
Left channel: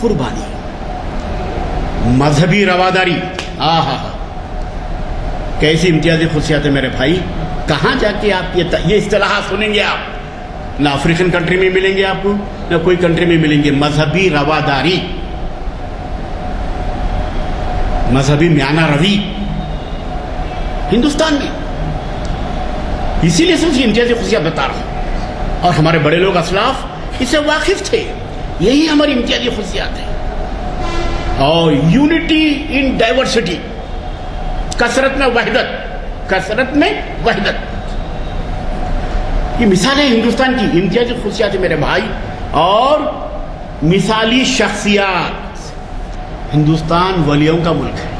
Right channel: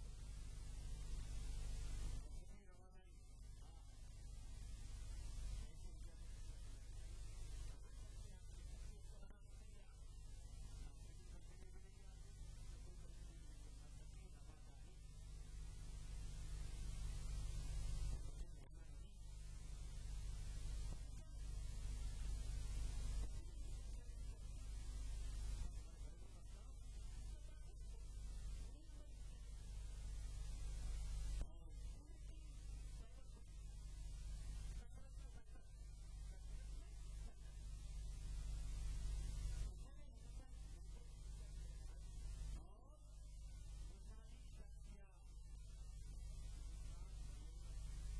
قربانی, مذہبی رواداری. کیسی امتیازی خصوصیات ہے میرے بھائی. کہاں جا کے آپ یہ اصطلاحات سنیں گے آپ؟ نہ افریقن کنٹری میں ملیں گے آپ کو, نہ کوئی کنٹری میں ملیں گے. مذہبی رواداری, مذہبی میانہ روی ہندوستان میں. اسی لیے سب سے امتیازی خصوصیات بتا رہا ہوں, اور ہمارے بڑے لوگ اسلاف اس سے واقف تھے. یہی ہماری امتیازی خصوصیات ہیں. اور یونٹی ان ڈائیورسٹی, کثرت میں وحدت, کثرت میں وحدت. یہ مثال ہے ہندوستان کی امتیازی خصوصیات ہے میرے بھائی. اور مثالی شخصیات. ہندوستان ولیوں کا ملک ہے,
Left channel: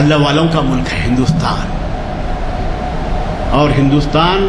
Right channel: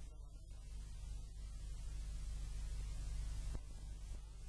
اللہ والوں کا ملک ہے ہندوستان. اور ہندوستان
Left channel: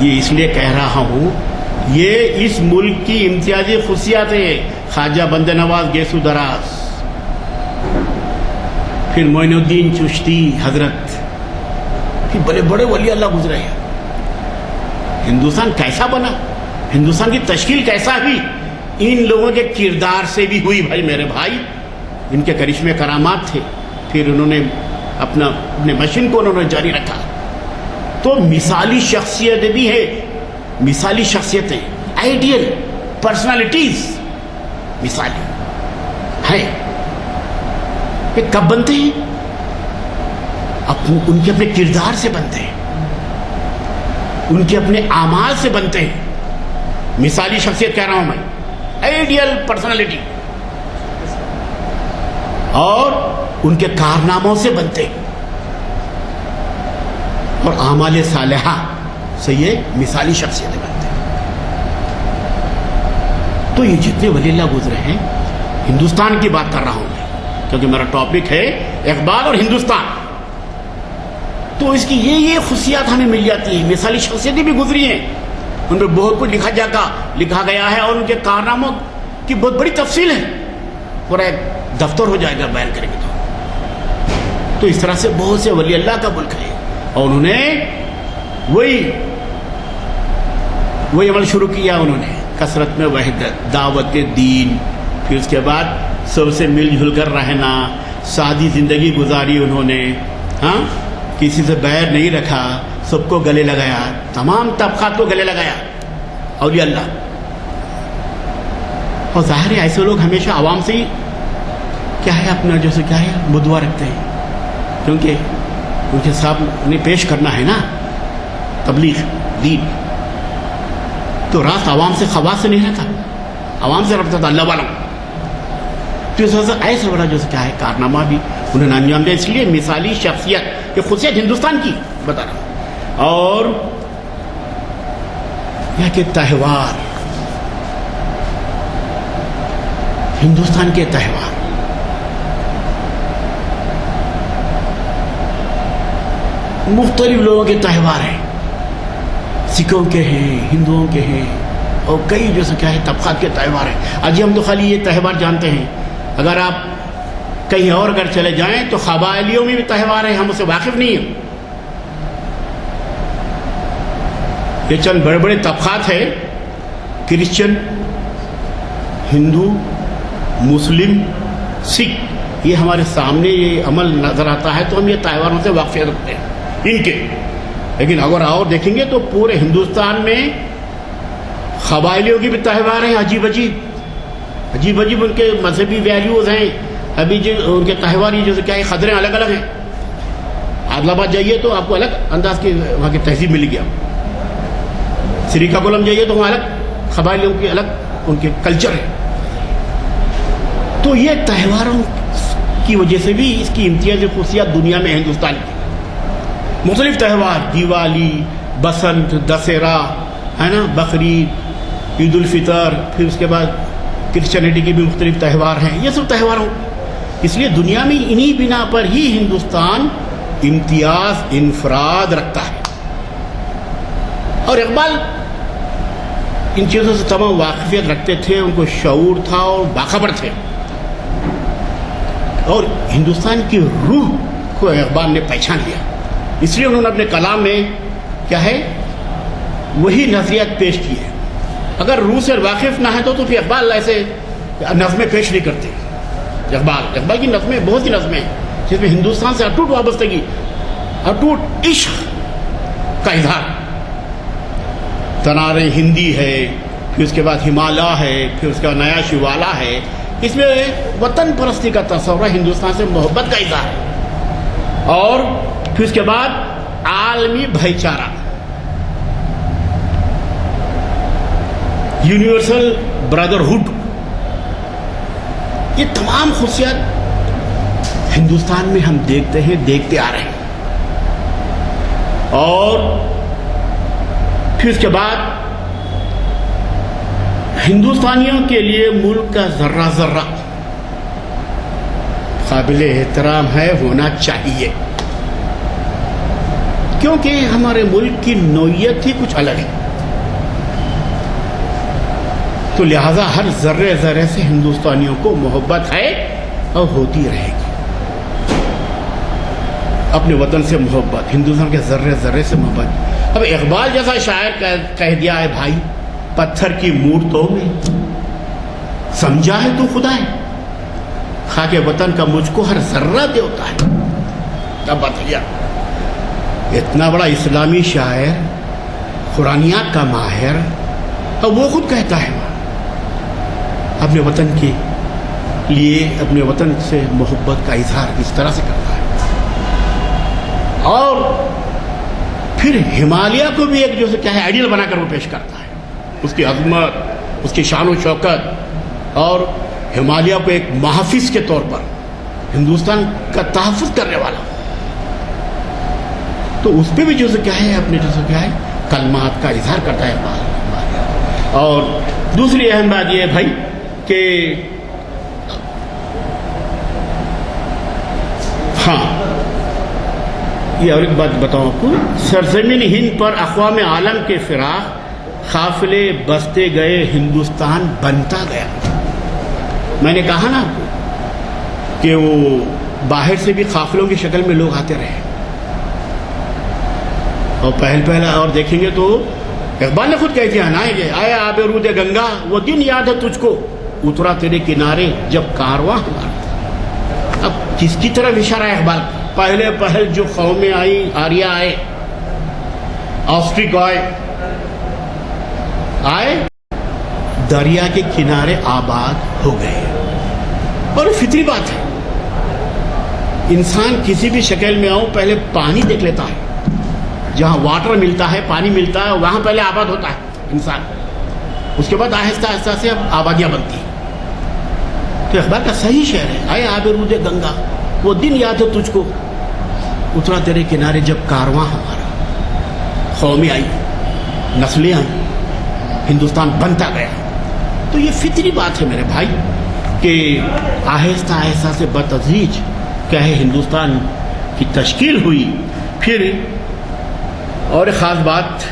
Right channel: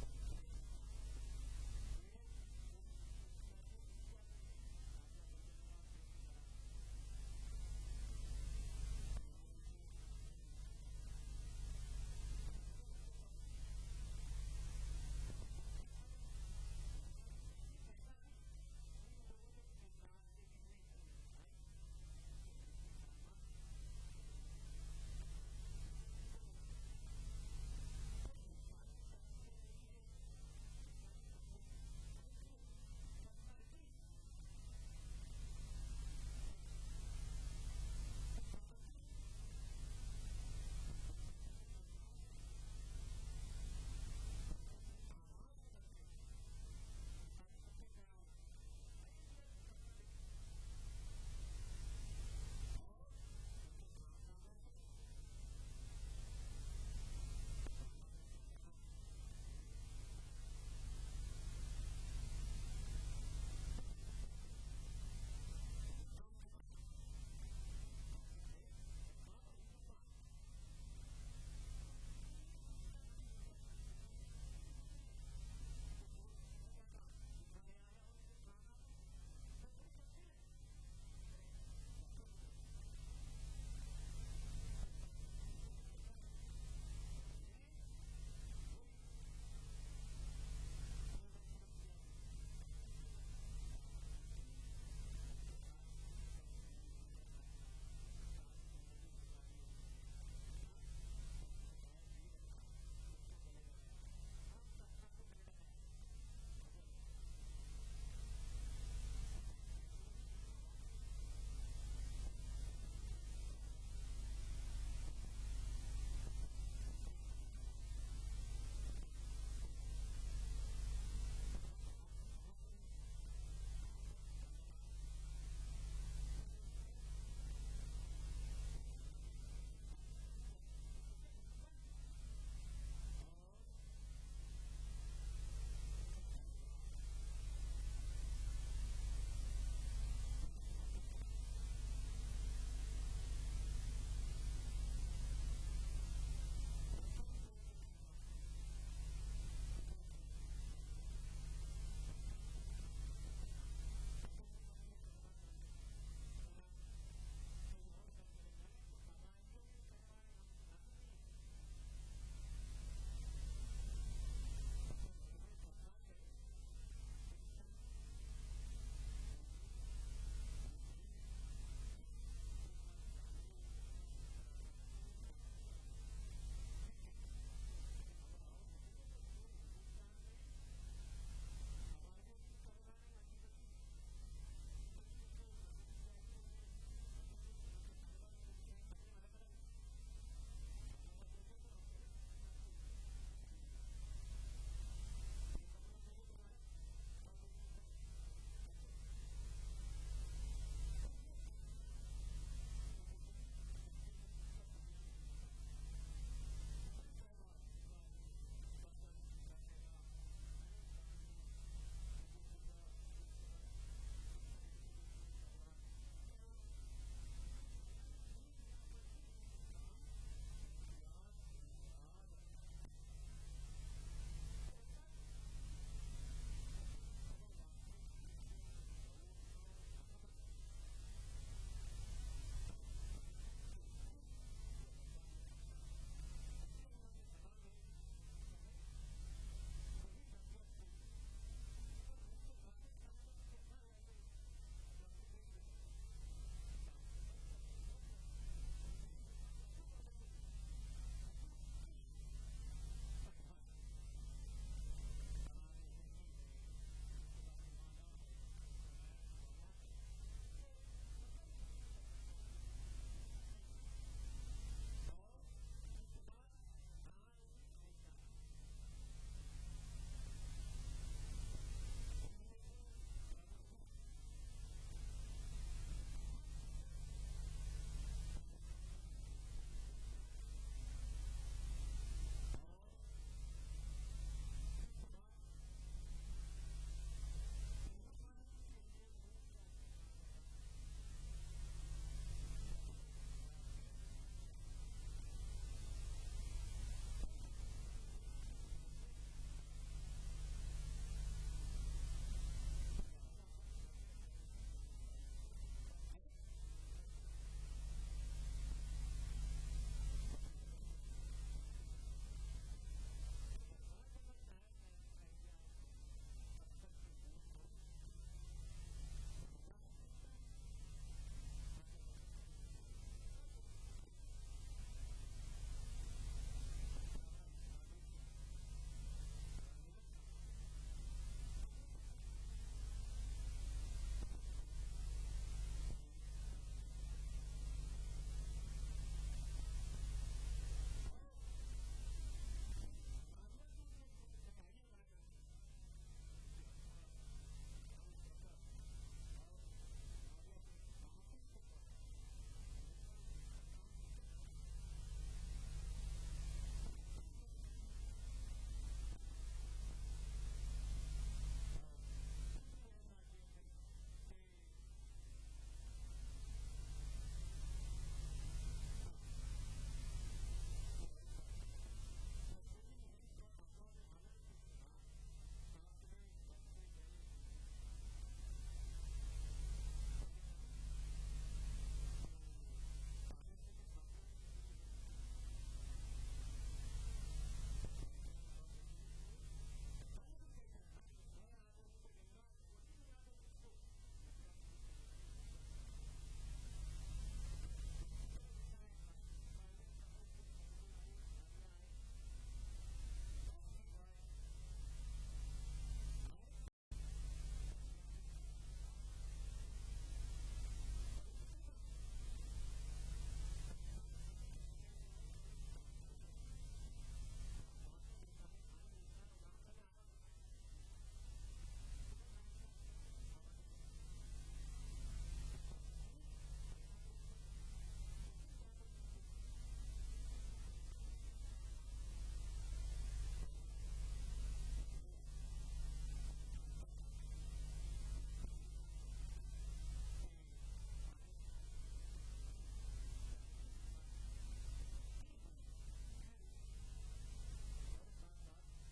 یہ اس لیے کہہ رہا ہوں, یہ اس ملک کی امتیازی خصوصیات ہے. خواجہ بندے نواز گیسو دراز, پھر معین الدین چشتی حضرت, پھر بڑے بڑے ولی اللہ گزرے ہیں. ہندوستان کیسا بنا, ہندوستان کی تشکیل کیسا ہوئی, ان لوگوں کے کردار سے بھی ہوئی بھائی میرے بھائی. ان کے کرشمے کرامات تھے, پھر انہوں نے اپنے مشن کو انہوں نے جاری رکھا. تو مثالی شخصیت بھی ہے, مثالی شخصیتیں, آئیڈیل پرسنالٹیز مثالی ہیں. یہ کب بنتے ہیں؟ ان کے اپنے کردار سے بنتے ہیں, ان کے اپنے اعمال سے بنتے ہیں. مثالی شخصیت کہہ رہا ہوں میں, آئیڈیل پرسنالٹی, اور ان کے کارناموں سے بنتے ہیں, اور اعمال صالحہ سے یہ مثالی شخصیتیں بنتے ہیں. تو یہ جتنے ولی اللہ گزرے ہیں, ہندوستان کی بات کر رہا ہوں میں کیونکہ میرا ٹاپک ہے اقبال اور ہندوستان. تو اس کی یہ خصوصیات ہمیں مل جاتی ہیں. مثالی شخصیتیں بھی گزری ہیں, ان پہ بہت کچھ لکھا گیا ہے, اور ان کے کارناموں کی بہت بڑی تفصیل ہے. پورا ایک دفتر ہو جائے گا بیان کریں گے تو اس طرح سے بہت سے ولی اللہ کا ملک ہے, اور انہوں نے وہی عمل شروع کیا. انہوں نے کثرت میں وحدت, دعوت دین, پھر اس کے بعد سب سے مل جل کر رہنا, سادی زندگی گزاری انہوں نے. ہاں, کسی سے بیر نہیں رکھا, سب کو گلے لگایا, تمام طبقات کو گلے لگایا اولیاء اللہ. اور ظاہر ہے ایسے لوگ ہمیشہ عوام سے ہی کیا ہے اپنا جیسے کیا ہے بدوا رکھتے ہیں, کیونکہ ان کے سامنے پیش کرنا ہے نا تبلیغ دین. تو راست عوام سے خواص سے نہیں رہتا, عوام سے رابطہ تھا اللہ والا. تو اس وجہ سے ایسا بڑا جیسے کیا ہے کارنامہ بھی انہوں نے انجام دیا. اس لیے مثالی شخصیت, یہ خصوصیت ہندوستان کی بتا رہا ہوں. اور یہ کہ تہوار, ہندوستان کے تہوار, مختلف لوگوں کے تہوار ہیں. سکھوں کے ہیں, ہندوؤں کے ہیں, اور کئی جیسے کیا ہے طبقات کے تہوار ہیں. آج ہم تو خالی یہ تہوار جانتے ہیں. اگر آپ کہیں اور اگر چلے جائیں تو قبائلیوں میں بھی تہوار ہیں, ہم اسے واقف نہیں ہیں. یہ چند بڑے بڑے طبقات ہیں, کرسچن, ہندو, مسلم, سکھ, یہ ہمارے سامنے یہ عمل نظر آتا ہے تو ہم یہ تہواروں سے واقفیت رکھتے ہیں ان کے. لیکن اگر اور دیکھیں گے تو پورے ہندوستان میں قبائلیوں کی بھی تہوار ہیں, عجیب عجیب ان کے مذہبی ویلیوز ہیں. ابھی جو ان کے تہوار یہ جیسے کیا ہے قدریں الگ الگ ہیں. عادل آباد جائیے تو آپ کو الگ انداز کی وہاں کی تہذیب ملے گی. آپ سریکاکولم جائیے تو وہاں الگ قبائلیوں کی الگ ان کے کلچر ہے. تو یہ تہواروں کی وجہ سے بھی اس کی امتیازی خصوصیات دنیا میں ہندوستان کی. مختلف تہوار, دیوالی, بسنت, دسہرا ہے نا, بقرعید, عید الفطر، پھر اس کے بعد کرسچینٹی کے بھی مختلف تہوار ہیں. یہ سب تہواروں، اس لیے دنیا میں انہی بنا پر ہی ہندوستان امتیاز انفراد رکھتا ہے. اور اقبال ان چیزوں سے تمام واقفیت رکھتے تھے، ان کو شعور تھا اور باخبر تھے. اور ہندوستان کی روح کو اقبال نے پہچان لیا، اس لیے انہوں نے اپنے کلام میں کیا ہے وہی نظریات پیش کیے. اگر روح سے واقف نہ ہے تو پھر اقبال ایسے نظمیں پیش نہیں کرتے. اقبال کی نظمیں بہت سی نظمیں ہیں جس میں ہندوستان سے اٹوٹ وابستگی، اٹوٹ عشق کا اظہار. تنار ہندی ہے، پھر اس کے بعد ہمالیہ ہے، پھر اس کا نیا شیوالا ہے. اس میں وطن پرستی کا تصور ہے، ہندوستان سے محبت کا اظہار ہے. اور پھر اس کے بعد عالمی بھائی چارہ، یونیورسل برادرہڈ. یہ تمام خصوصیات ہندوستان میں ہم دیکھتے آ رہے ہیں. اور پھر اس کے بعد ہندوستانیوں کے لیے ملک کا ذرہ ذرہ قابل احترام ہے، ہونا چاہیے، کیونکہ ہمارے ملک کی نوعیت ہی کچھ الگ ہے. تو لہذا ہر ذرے ذرے سے ہندوستانیوں کو محبت ہے اور ہوتی رہے گی. اپنے وطن سے محبت، ہندوستان کے ذرے ذرے سے محبت. اب اقبال جیسا شاعر کہہ دیا ہے، بھائی پتھر کی مورتوں میں سمجھا ہے تو خدا ہے، خاک وطن کا مجھ کو ہر ذرہ دیوتا ہے. اب بتائیے، اتنا بڑا اسلامی شاعر، قرآنیات کا ماہر، اور وہ خود کہتا ہے اپنے وطن کے لیے، اپنے وطن سے محبت کا اظہار اس طرح سے کرتا ہے. اور پھر ہمالیہ کو بھی ایک جو ہے کیا ہے آئیڈیل بنا کر وہ پیش کرتا ہے، اس کی عظمت، اس کی شان و شوکت، اور ہمالیہ کو ایک محافظ کے طور پر ہندوستان کا تحفظ کرنے والا. تو اس پہ بھی جو کیا ہے اپنے جو کیا ہے کلمات کا اظہار کرتا ہے اقبال. اور دوسری اہم بات یہ ہے بھائی کہ ہاں، یہ اور ایک بات بتاؤں آپ کو، سرزمین ہند پر اقوام عالم کے فراق قافلے بستے گئے، ہندوستان بنتا گیا. میں نے کہا نا آپ کو کہ وہ باہر سے بھی قافلوں کی شکل میں لوگ آتے رہے، اور پہلا اور دیکھیں گے تو اقبال نے خود کہہ دیا نا کہ آیا آب رود گنگا، وہ دن یاد ہے تجھ کو، اترا تیرے کنارے جب کارواں ہمارا. اب کس کی طرف اشارہ ہے اقبال؟ پہل جو قومیں آئی، آریہ آئے، آسٹرک آئے، دریا کے کنارے آباد ہو گئے. اور فطری بات ہے، انسان کسی بھی شکل میں آؤ پہلے پانی دیکھ لیتا ہے. جہاں واٹر ملتا ہے، پانی ملتا ہے، وہاں پہلے آباد ہوتا ہے انسان. اس کے بعد آہستہ آہستہ سے اب آبادیاں بنتی ہیں. تو اقبال کا صحیح شعر ہے، آئے آب رود گنگا، وہ دن یاد ہے تجھ کو، اترا تیرے کنارے جب کارواں ہمارا. قومیں آئی، نسلیں آئیں، ہندوستان بنتا گیا. تو یہ فطری بات ہے میرے بھائی کہ آہستہ آہستہ سے بتدریج کیا ہے ہندوستان کی تشکیل ہوئی. پھر اور ایک خاص بات،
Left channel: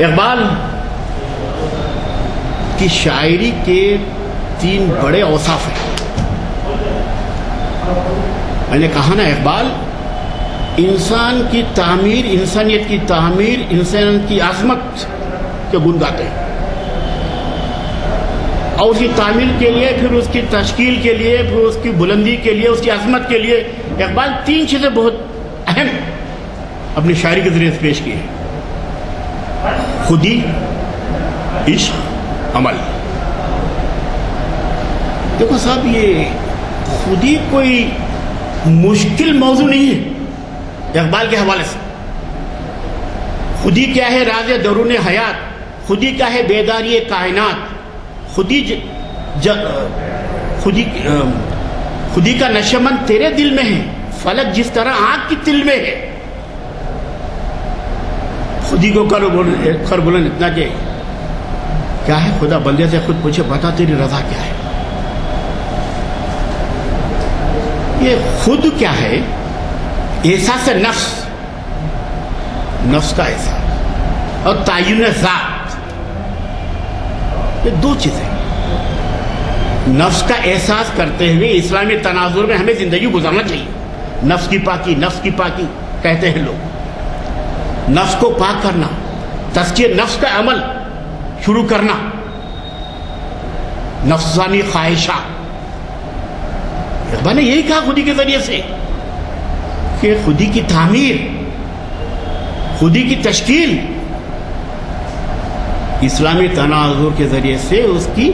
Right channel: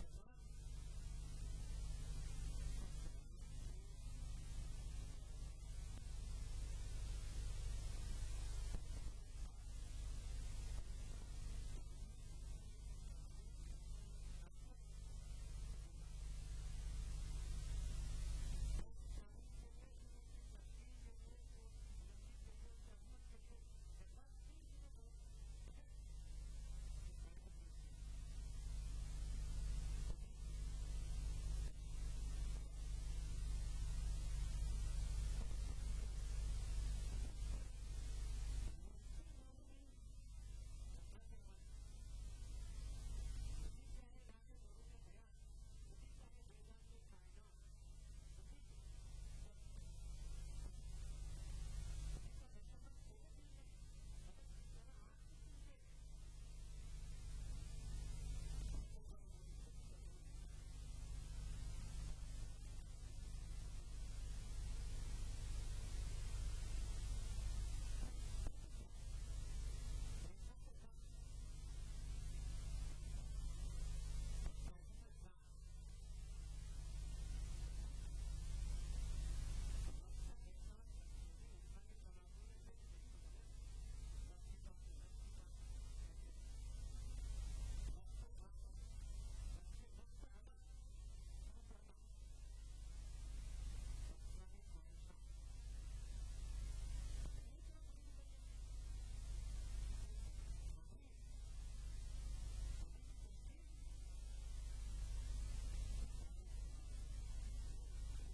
اقبال کی شاعری کے 3 بڑے اوصاف ہیں. میں نے کہا نا اقبال انسان کی تعمیر، انسانیت کی تعمیر، انسان کی عظمت کے گن گاتے ہیں، اور اس کی تعمیر کے لیے، پھر اس کی تشکیل کے لیے، پھر اس کی بلندی کے لیے، اس کی عظمت کے لیے اقبال 3 چیزیں بہت اہم اپنی شاعری کے ذریعے سے پیش کی ہے: خودی، عشق، عمل. دیکھو صاحب، یہ خودی کوئی مشکل موضوع نہیں ہے اقبال کے حوالے سے. خودی کیا ہے؟ راز درون حیات. خودی کیا ہے؟ بیداری کائنات. خودی کا نشمن تیرے دل میں ہے، فلک جس طرح آنکھ کی تل میں ہے. خودی کو کر بولن اتنا کہ کیا ہے؟ خدا بندے سے خود پوچھے بتا تیری رضا کیا ہے؟ یہ خود کیا ہے؟ احساس نفس، نفس کا احساس اور تعین ذات، یہ دو چیزیں۔ نفس کا احساس کرتے ہوئے اسلامی تناظر میں ہمیں زندگی گزارنا چاہیے۔ نفس کی پاکی، نفس کی پاکی کہتے ہیں لوگ، نفس کو پاک کرنا، تزکیہ نفس کا عمل شروع کرنا، نفسانی خواہشات۔ اقبال نے یہی کہا خودی کے ذریعے سے کہ خودی کی تعمیر، خودی کی تشکیل اسلامی تناظر کے ذریعے سے اس کی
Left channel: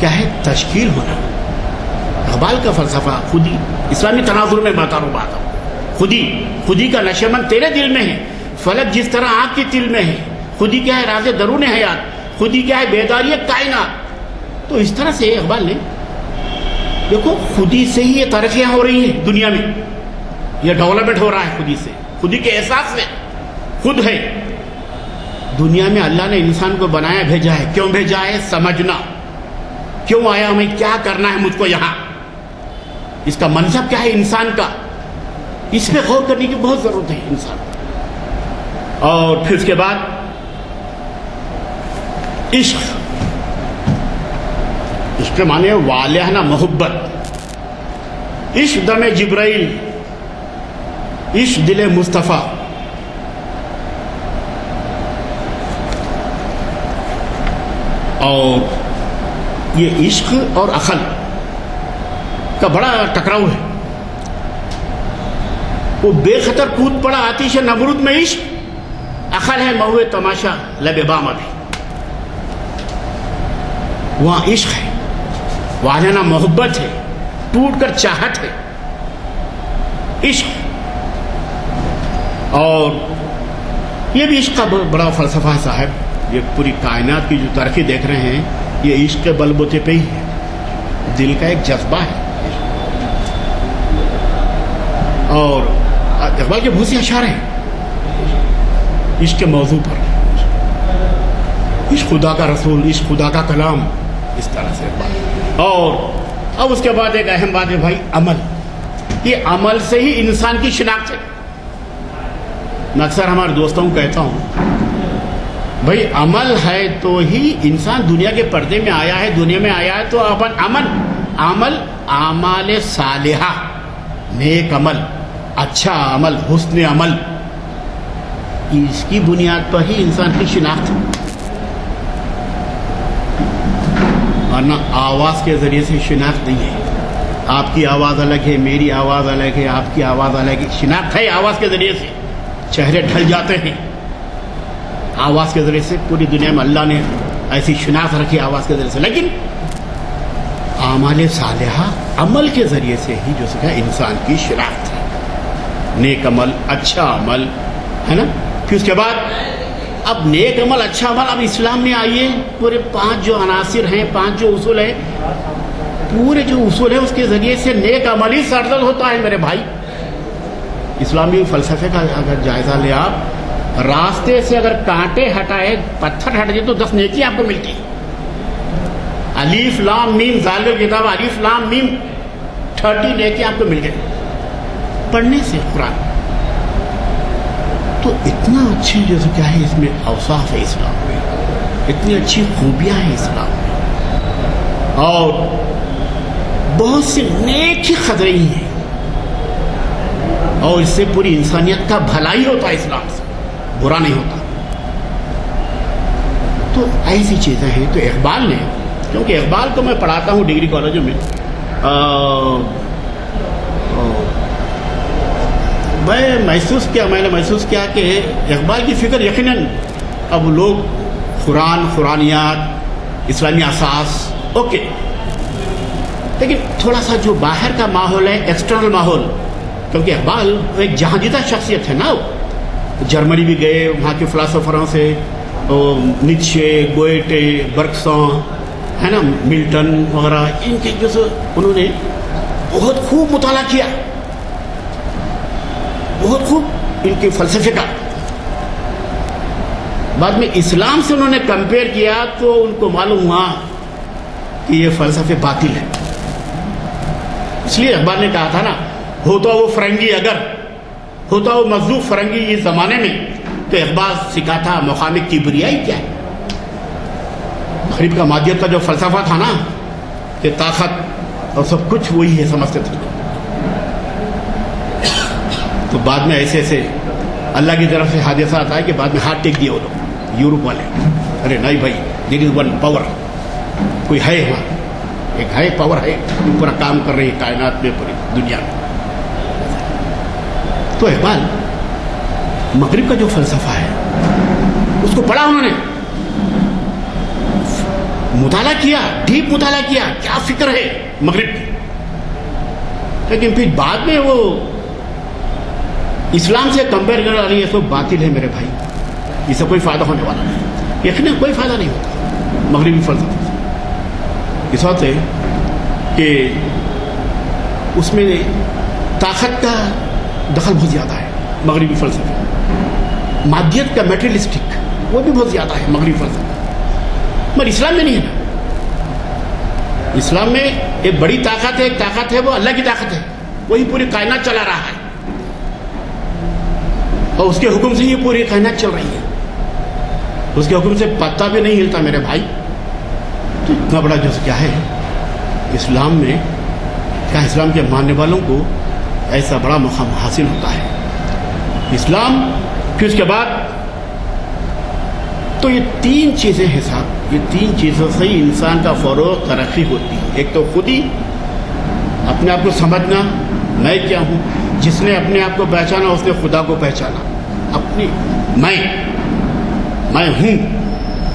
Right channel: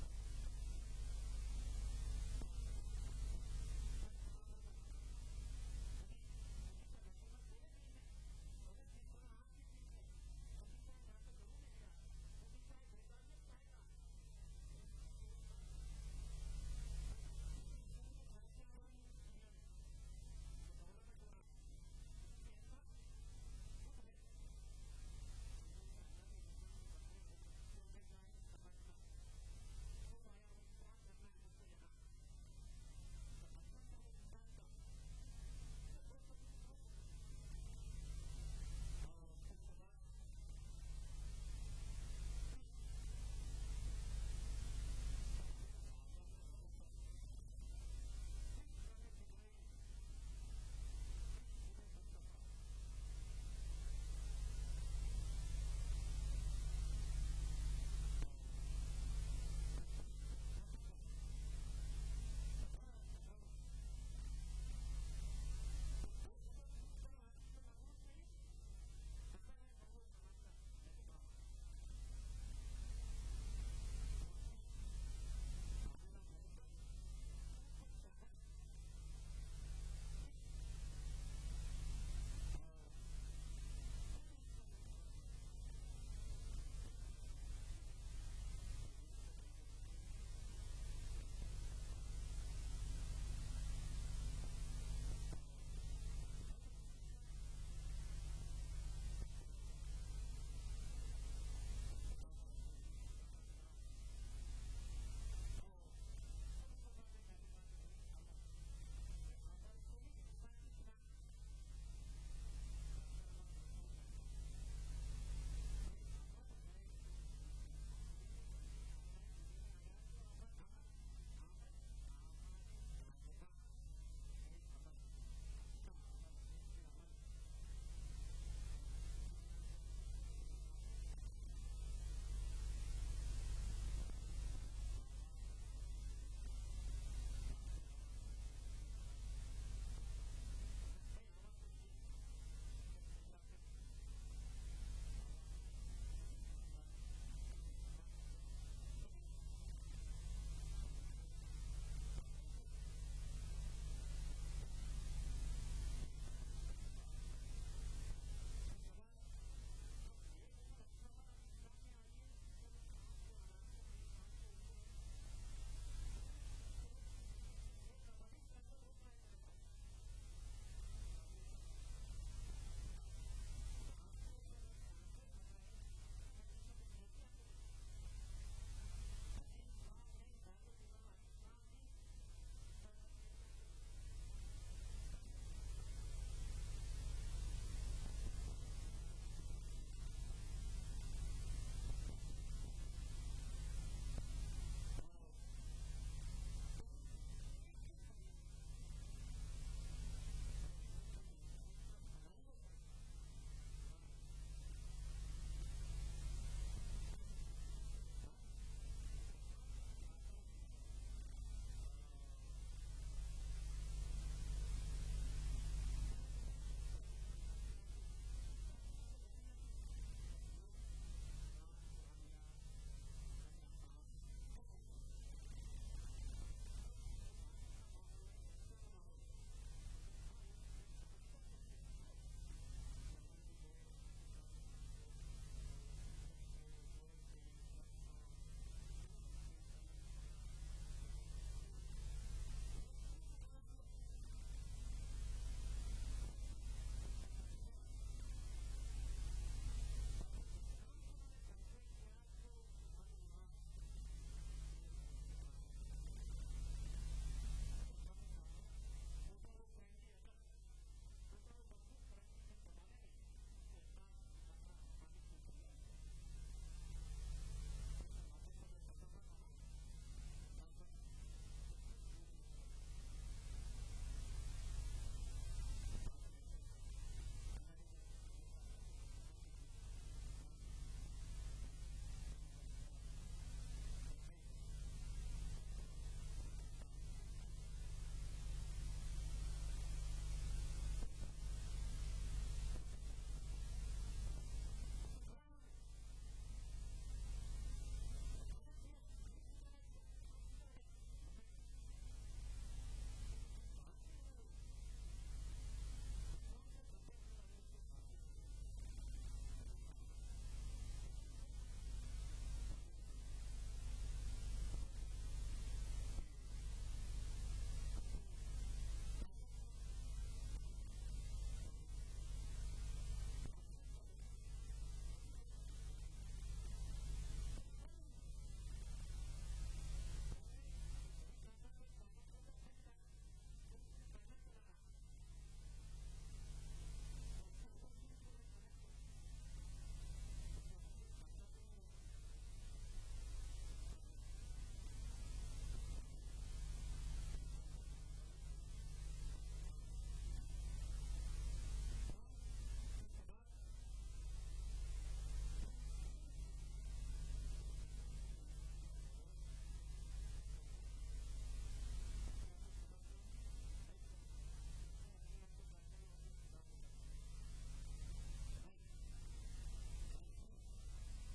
کیا ہے؟ تشکیل ہونا۔ اقبال کا فلسفہ خودی، اسلامی تناظر میں بتا رہا ہوں بات، خودی کا نشیمن تیرے دل میں ہے، فلک جس طرح آنکھ کی تل میں ہے۔ خودی کیا ہے؟ راز درون حیات۔ خودی کیا ہے؟ بیداری کائنات۔ تو اس طرح سے اقبال نے دیکھو خودی سے ہی یہ ترقیاں ہو رہی ہیں دنیا میں، یہ ڈیولپمنٹ ہو رہا ہے خودی سے، خودی کے احساس سے۔ خود ہے دنیا میں اللہ نے انسان کو بنایا، بھیجا ہے۔ کیوں بھیجا ہے؟ سمجھنا، کیوں آیا ہمیں، کیا کرنا ہے مجھ کو یہاں، اس کا منصب کیا ہے انسان کا، اس پہ غور کرنے کی بہت ضرورت ہے انسان۔ اور پھر اس کے بعد عشق، عشق کے معنی والہانہ محبت، عشق دم جبرائیل، عشق دل مصطفیٰ۔ اور یہ عشق اور عقل کا بڑا ٹکراؤ ہے۔ وہ بے خطر کود پڑا آتش نمرود میں عشق، عقل ہے مہوے تماشا لب بام ابھی۔ وہاں عشق ہے، والہانہ محبت ہے، ٹوٹ کر چاہت ہے، عشق۔ اور یہ بھی عشق کا بڑا فلسفہ ہے صاحب۔ یہ پوری کائنات کی جو ترقی دیکھ رہے ہیں یہ عشق کے بل بوتے پہ ہی ہے، دل کا ایک جذبہ ہے۔ اور اقبال کے بہت سے اشعار ہیں عشق کے موضوع پر، عشق خدا کا رسول، عشق خدا کا کلام، اس طرح سے اقبال۔ اور اب اس کے بعد ایک اہم بات ہے بھائی، عمل۔ یہ عمل سے ہی انسان کی شناخت ہے۔ میں اکثر ہمارے دوستوں کو کہتا ہوں بھائی عمل ہے تو ہی انسان دنیا کے پردے میں آیا ہے، دنیا میں آیا ہے تو عمل اعمال صالحہ، نیک عمل، اچھا عمل، حسن عمل، اس کی بنیاد پر ہی انسان کی شناخت ہے۔ ورنہ آواز کے ذریعے سے شناخت نہیں ہے۔ آپ کی آواز الگ ہے، میری آواز الگ ہے، آپ کی آواز الگ ہے، شناخت ہے آواز کے ذریعے سے۔ چہرے ڈھل جاتے ہیں آواز کے ذریعے سے، پوری دنیا میں اللہ نے ایسی شناخت رکھی آواز کے ذریعے سے۔ لیکن اعمال صالحہ عمل کے ذریعے سے ہی جو سکھا انسان کی شناخت ہے، نیک عمل، اچھا عمل، ہے نا۔ پھر اس کے بعد اب نیک عمل، اچھا عمل، اب اسلام میں آئیے پورے 5 جو عناصر ہیں، 5 جو اصول ہیں، پورے جو اصول ہیں اس کے ذریعے سے نیک عمل ہی سرزد ہوتا ہے میرے بھائی۔ اسلامی فلسفے کا اگر جائزہ لے آپ، راستے سے اگر کانٹے ہٹائے، پتھر ہٹ جائے تو 10 نیکی آپ کو ملتی ہے۔ الف لام میم ذالک کتاب، الف لام میم 30 نیکی آپ کو مل گئے پڑھنے سے قرآن۔ تو اتنا اچھے جیسے کیا ہے اس میں اوصاف ہے اسلام میں، اتنی اچھی خوبیاں ہیں اسلام میں، اور بہت سی نیک ہی خطرے ہی ہیں، اور اس سے پوری انسانیت کا بھلائی ہوتا ہے، اسلام سے برا نہیں ہوتا۔ تو ایسی چیزیں ہیں۔ تو اقبال نے، کیونکہ اقبال کو میں پڑھاتا ہوں ڈگری کالجوں میں، میں نے محسوس کیا کہ اقبال کی فکر یقیناً اب لوگ قرآنیات، اسلامی اساس، اوکے، لیکن تھوڑا سا جو باہر کا ماحول ہے، ایکسٹرنل ماحول، کیونکہ اقبال ایک جہاں جیتا شخصیت ہے نا، وہ جرمنی بھی گئے، وہاں کے فلاسفروں سے نیچے، گوئٹے، برکساں، ہے نا، ملٹن وغیرہ، ان کے جو انہوں نے بہت خوب مطالعہ کیا، بہت خوب ان کے فلسفے کا بعد میں اسلام سے انہوں نے کمپیئر کیا تو ان کو معلوم ہوا کہ یہ فلسفے باطل ہے. اس لیے اقبال نے کہا تھا نا، ہوتا وہ فرنگی اگر ہوتا وہ مذہوب فرنگی اس زمانے میں، تو اقبال سکھاتا مقام کبریائی کیا ہے. مغرب کا مادیت کا جو فلسفہ تھا نا کہ طاقت اور سب کچھ وہی ہے سمجھتے تھے، تو بعد میں ایسے ایسے اللہ کی طرف سے حادثات آئے کہ بعد میں ہاتھ ٹیک دیے وہ لوگ یورپ والے. ارے نہیں بھائی، دیر از ون پاور، کوئی ہے وہاں، ایک ہے پاور ہے جو پورا کام کر رہی ہے کائنات میں، پوری دنیا میں. تو اقبال مغرب کا جو فلسفہ ہے اس کو پڑھا، انہوں نے مطالعہ کیا، ڈیپ مطالعہ کیا، کیا فکر ہے مغرب کی. لیکن پھر بعد میں وہ اسلام سے کمپیئر کر رہا ہے، یہ سب باطل ہے میرے بھائی، اس سے کوئی فائدہ ہونے والا نہیں، یقیناً کوئی فائدہ نہیں ہوتا مغربی فلسفے سے. اس وقت ہے کہ اس میں طاقت کا دخل بہت زیادہ ہے مغربی فلسفے، مادیت کا میٹریلسٹک وہ بھی بہت زیادہ ہے مغربی فلسفے، مگر اسلام میں نہیں ہے نا. اسلام میں ایک بڑی طاقت ہے، ایک طاقت ہے وہ اللہ کی طاقت ہے، وہی پوری کائنات چلا رہا ہے اور اس کے حکم سے یہ پوری کائنات چل رہی ہے. اس کے حکم سے پتا بھی نہیں ہلتا میرے بھائی. تو اتنا بڑا جو کیا ہے اسلام میں، کیا اسلام کے ماننے والوں کو ایسا بڑا مقام حاصل ہوتا ہے اسلام. پھر اس کے بعد تو یہ تین چیزیں ہیں صاحب، یہ تین چیزوں سے ہی انسان کا فروغ ترقی ہوتی ہے. ایک تو خود ہی اپنے آپ کو سمجھنا، میں کیا ہوں. جس نے اپنے آپ کو پہچانا اس نے خدا کو پہچانا. اپنی میں ہوں،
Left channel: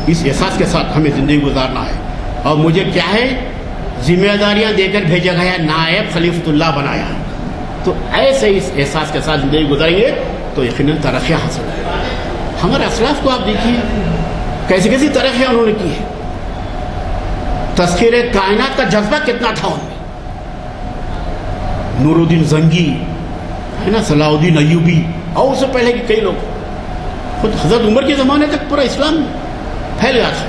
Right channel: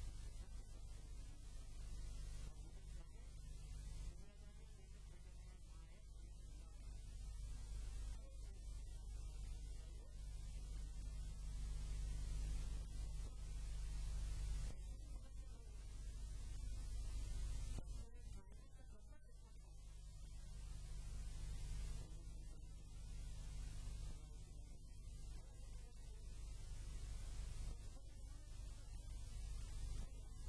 اس احساس کے ساتھ ہمیں زندگی گزارنا ہے. اور مجھے کیا ہے، ذمہ داریاں دے کر بھیجا گیا، نائب خلیفۃ اللہ بنایا. تو ایسے اس احساس کے ساتھ زندگی گزاریں گے تو یقیناً ترقیاں حاصل ہوگی. ہمارے اسلاف کو آپ دیکھیے کیسی کیسی ترقیاں انہوں نے کی ہے. تذکیر کائنات کا جذبہ کتنا تھا ان میں. نور الدین زنگی ہے نا، صلاح الدین ایوبی، اور اس سے پہلے کے کئی لوگ. خود حضرت عمر کے زمانے تک پورا اسلام پھیل گیا تھا.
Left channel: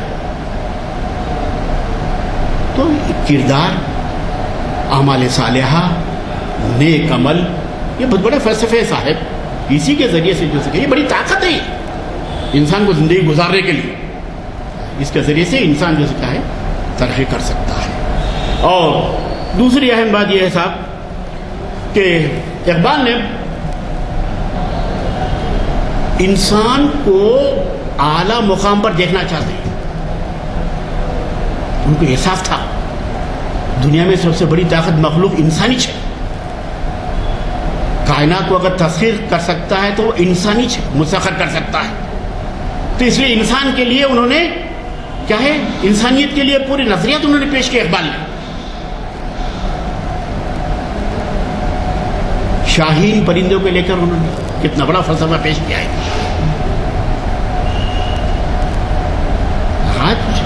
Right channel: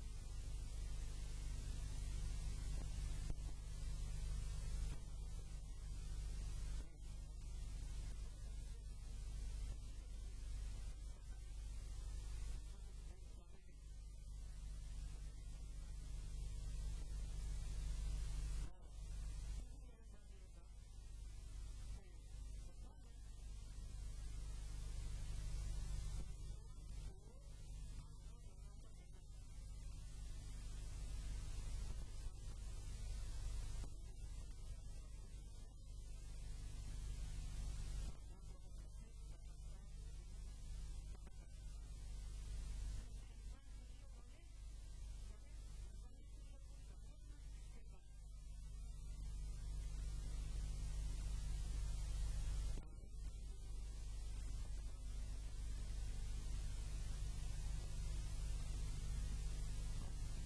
تو کردار، اعمال صالحہ، نیک عمل، یہ بہت بڑے فلسفے صاحب. اسی کے ذریعے سے جو سکے، یہ بڑی طاقت ہے انسان کو زندگی گزارنے کے لیے. اس کے ذریعے سے انسان جو سکا ہے ترقی کر سکتا ہے. اور دوسری اہم بات یہ ہے صاحب کہ اقبال نے انسان کو اعلیٰ مقام پر دیکھنا چاہتے ہیں. ان کو احساس تھا دنیا میں سب سے بڑی طاقت مخلوق انسانی ہے. کائنات کو اگر تسخیر کر سکتا ہے تو وہ انسانی مسخر کر سکتا ہے. تو اس لیے انسان کے لیے انہوں نے کیا ہے، انسانیت کے لیے پوری نظریات انہوں نے پیش کی. اقبال نے شاہین پرندوں کو لے کر انہوں نے کتنا بڑا فلسفہ پیش کیا ہے. آج